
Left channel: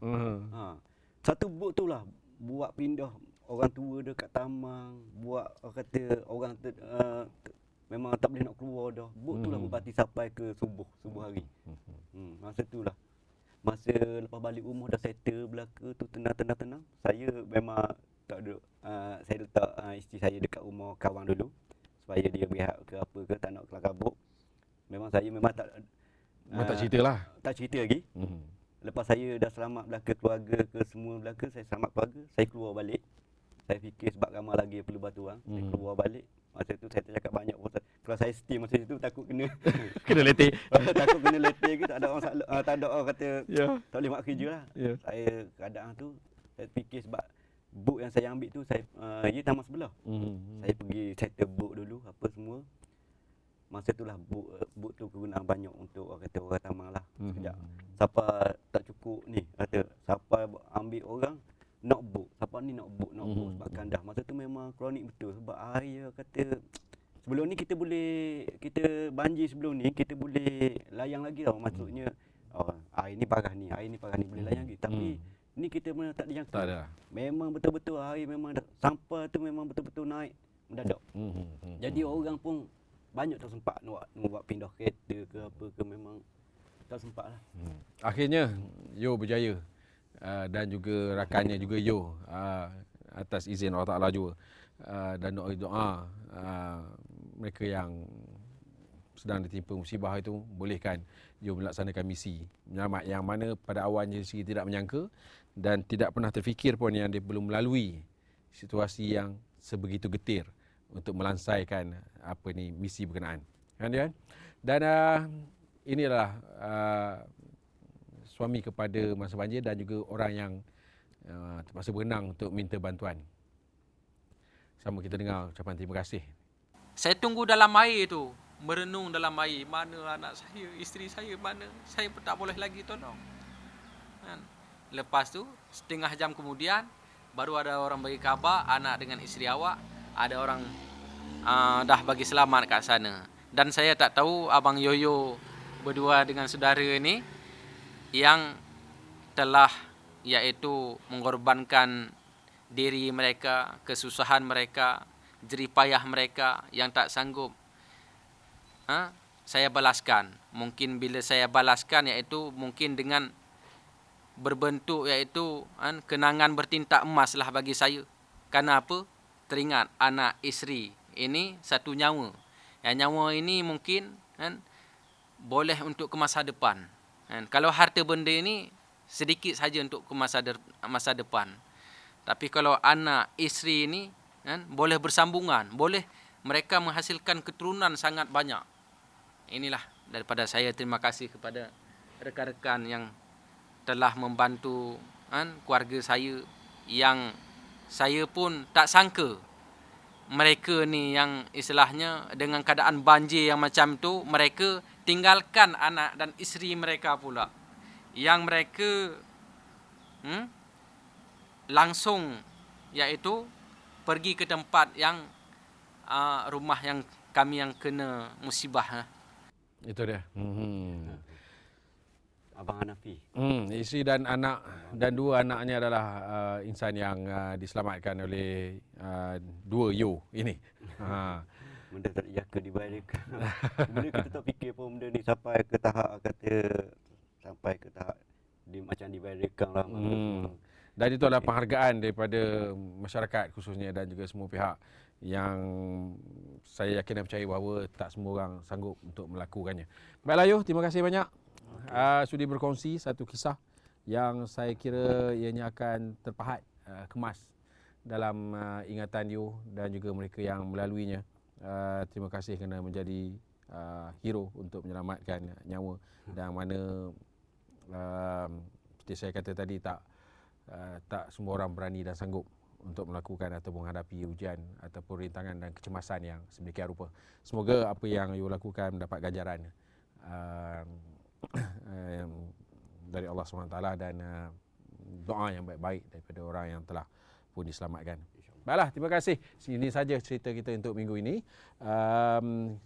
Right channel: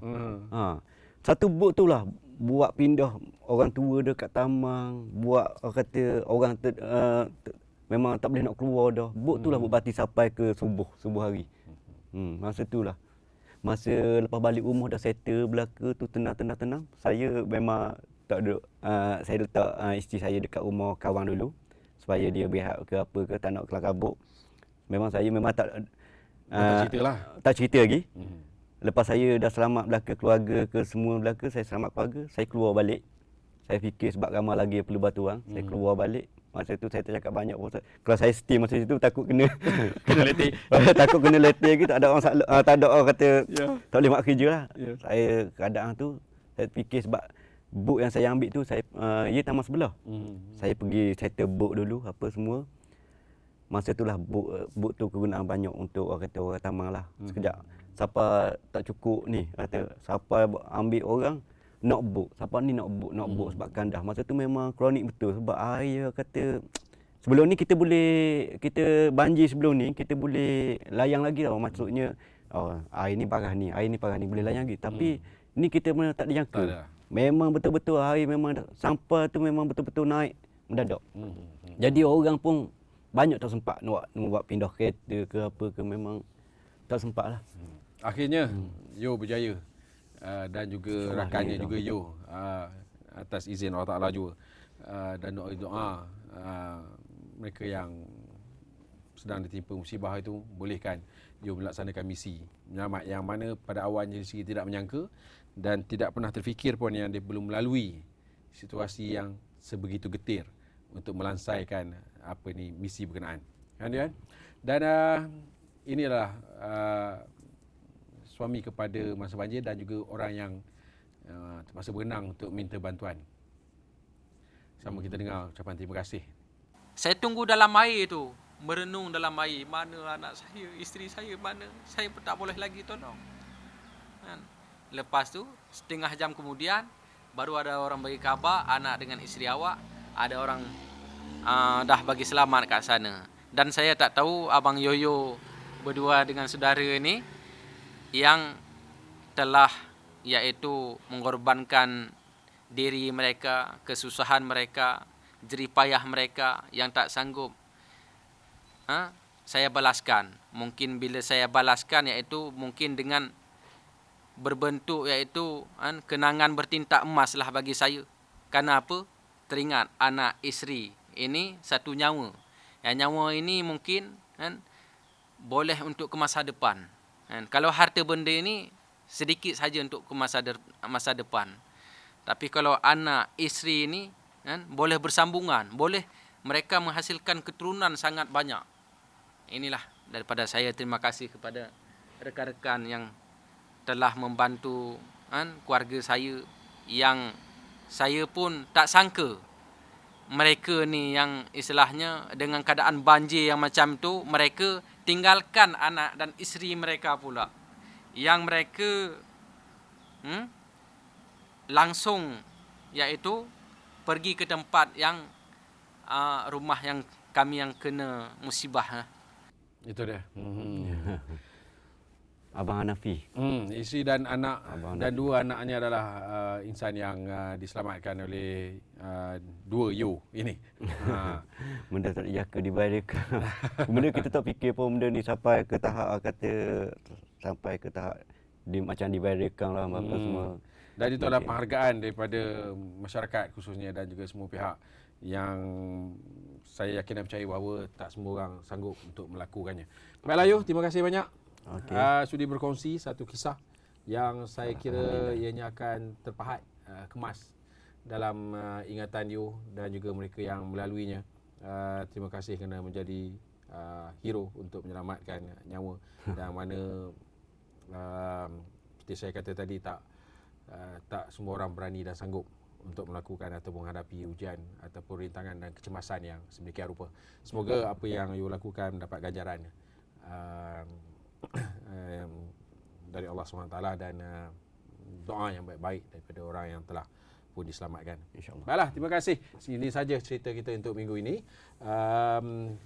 Satu bot tu lah buat pindah orang tua dekat Tamang, buat kata orang memang tak boleh nak keluar dah. Bot tu lah berbakti sampai ke subuh hari. Masa tu lah. Masa lepas balik rumah dah settle belaka tu tenang. Saya memang tak ada, saya letak isteri saya dekat rumah kawan dulu supaya dia berehat ke apa ke, tak nak kelar kabut. Memang saya tak ceritalah. Tak cerita lagi. Lepas saya dah selamat belaka keluarga ke semua belaka, saya selamat keluarga, saya keluar balik. Saya fikir sebab ramai lagi yang perlu bantuan, saya keluar balik. Masa tu saya tak cakap banyak pun. Kalau saya stay masa situ takut kena letih. Takut kena letih lagi, tak ada orang kata tak boleh buat kerja lah. Saya keadaan tu saya fikir sebab boat yang saya ambil tu ia taman sebelah. Saya pergi settle boat dulu apa semua. Masa itulah boat tu kegunaan banyak untuk orang kata orang Tamang lah. Sekejap siapa tak cukup ni kata siapa ambil orang nak boat. Siapa ni nak boat sebab kandah. Masa tu memang kronik betul sebab air kata sebelum ni kita banjir sebelum ni kita boleh layang lagi tau. Maksudnya air ni parah ni boleh layang lagi. Tapi Ni kita memang tak dijangka. Tak ada. Memang betul-betul hari memang sampah tu memang betul-betul naik mendadak. Jadi orang pun banyak tak sempat nak buat pindah kereta ke apa ke, memang tak sempat lah. Akhirnya Yo berjaya dan juga rakannya Allah. juga Yo atas izin Allah Ta'ala juga dan doa mereka yang sedang ditimpa musibah itu bolehkan Yo melaksanakan misi menyelamat yang mana pada awalnya sendiri tidak menyangka dan tidak pernah terfikir pun yang dia belum melalui situasi yang sebegitu getir untuk melansaikan misi berkenaan. Kan dia? Dan inilah suami kepada masa banjir dan juga orang yang terpaksa berenang untuk minta bantuan. Sama kita dengar ucapan terima kasih. Saya tunggu dalam air tu, merenung dalam air. Mana anak saya, isteri saya mana? Saya pun tak boleh lagi tolong. Kan? Lepas tu, setengah jam kemudian, baru ada orang bagi khabar, anak dengan isteri awak, ada orang dah bagi selamat kat sana. Dan saya tak tahu Abang Yoyo berdua dengan saudara ni yang telah iaitu mengorbankan diri mereka, kesusahan mereka, jerih payah mereka yang tak sanggup saya balaskan. Mungkin bila saya balaskan iaitu mungkin dengan berbentuk iaitu kenangan bertinta emas lah bagi saya. Kerana apa? Teringat anak isteri ini satu nyawa. Yang nyawa ini mungkin boleh untuk ke masa depan. Kalau harta benda ini sedikit saja untuk ke masa depan. Tapi kalau anak isteri ini boleh bersambungan, boleh mereka menghasilkan keturunan sangat banyak. Inilah daripada saya, terima kasih kepada rekan-rekan yang telah membantu keluarga saya, yang saya pun tak sangka mereka ni yang istilahnya dengan keadaan banjir yang macam tu, mereka tinggalkan anak dan isteri mereka pula, yang mereka langsung iaitu pergi ke tempat yang rumah yang kami yang kena musibah. Itu dia. Abang Hanafi. Isteri dan anak dan dua anaknya adalah insan yang diselamatkan oleh dua Yo ini. Benda tak dijangka dibayarkan. Benda kita tak fikir pun benda ni sampai ke tahap macam dibayarkan lah apa semua. Dan itu adalah penghargaan daripada masyarakat khususnya dan juga semua pihak yang saya yakin dan percaya bahawa tak semua orang sanggup untuk melakukannya. Baiklah Yo, terima kasih banyak. Sudi berkongsi satu kisah yang saya kira ianya akan terpahat, kemas dalam ingatan Yo dan juga mereka yang melaluinya. Terima kasih kerana menjadi hero untuk menyelamatkan nyawa dan mana seperti saya kata tadi tak semua orang berani dan sanggup untuk melakukan atau menghadapi ujian ataupun rintangan dan kecemasan yang sedemikian rupa. Semoga apa yang Yo lakukan mendapat ganjaran dari Allah SWT dan doa yang baik-baik daripada orang yang telah pun diselamatkan. InsyaAllah. Baiklah, terima kasih. Ini saja cerita kita untuk minggu ini.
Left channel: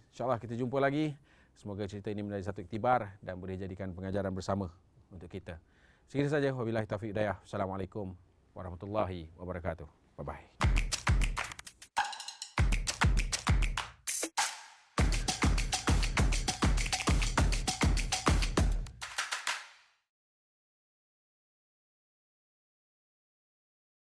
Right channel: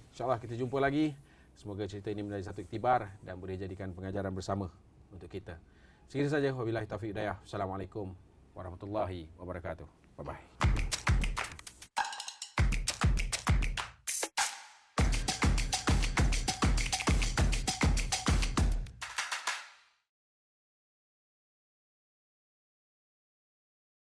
InsyaAllah kita jumpa lagi. Semoga cerita ini menjadi satu iktibar dan boleh jadikan pengajaran bersama untuk kita. Sekian saja. Wabillahi taufiq hidayah. Assalamualaikum warahmatullahi wabarakatuh. Bye-bye.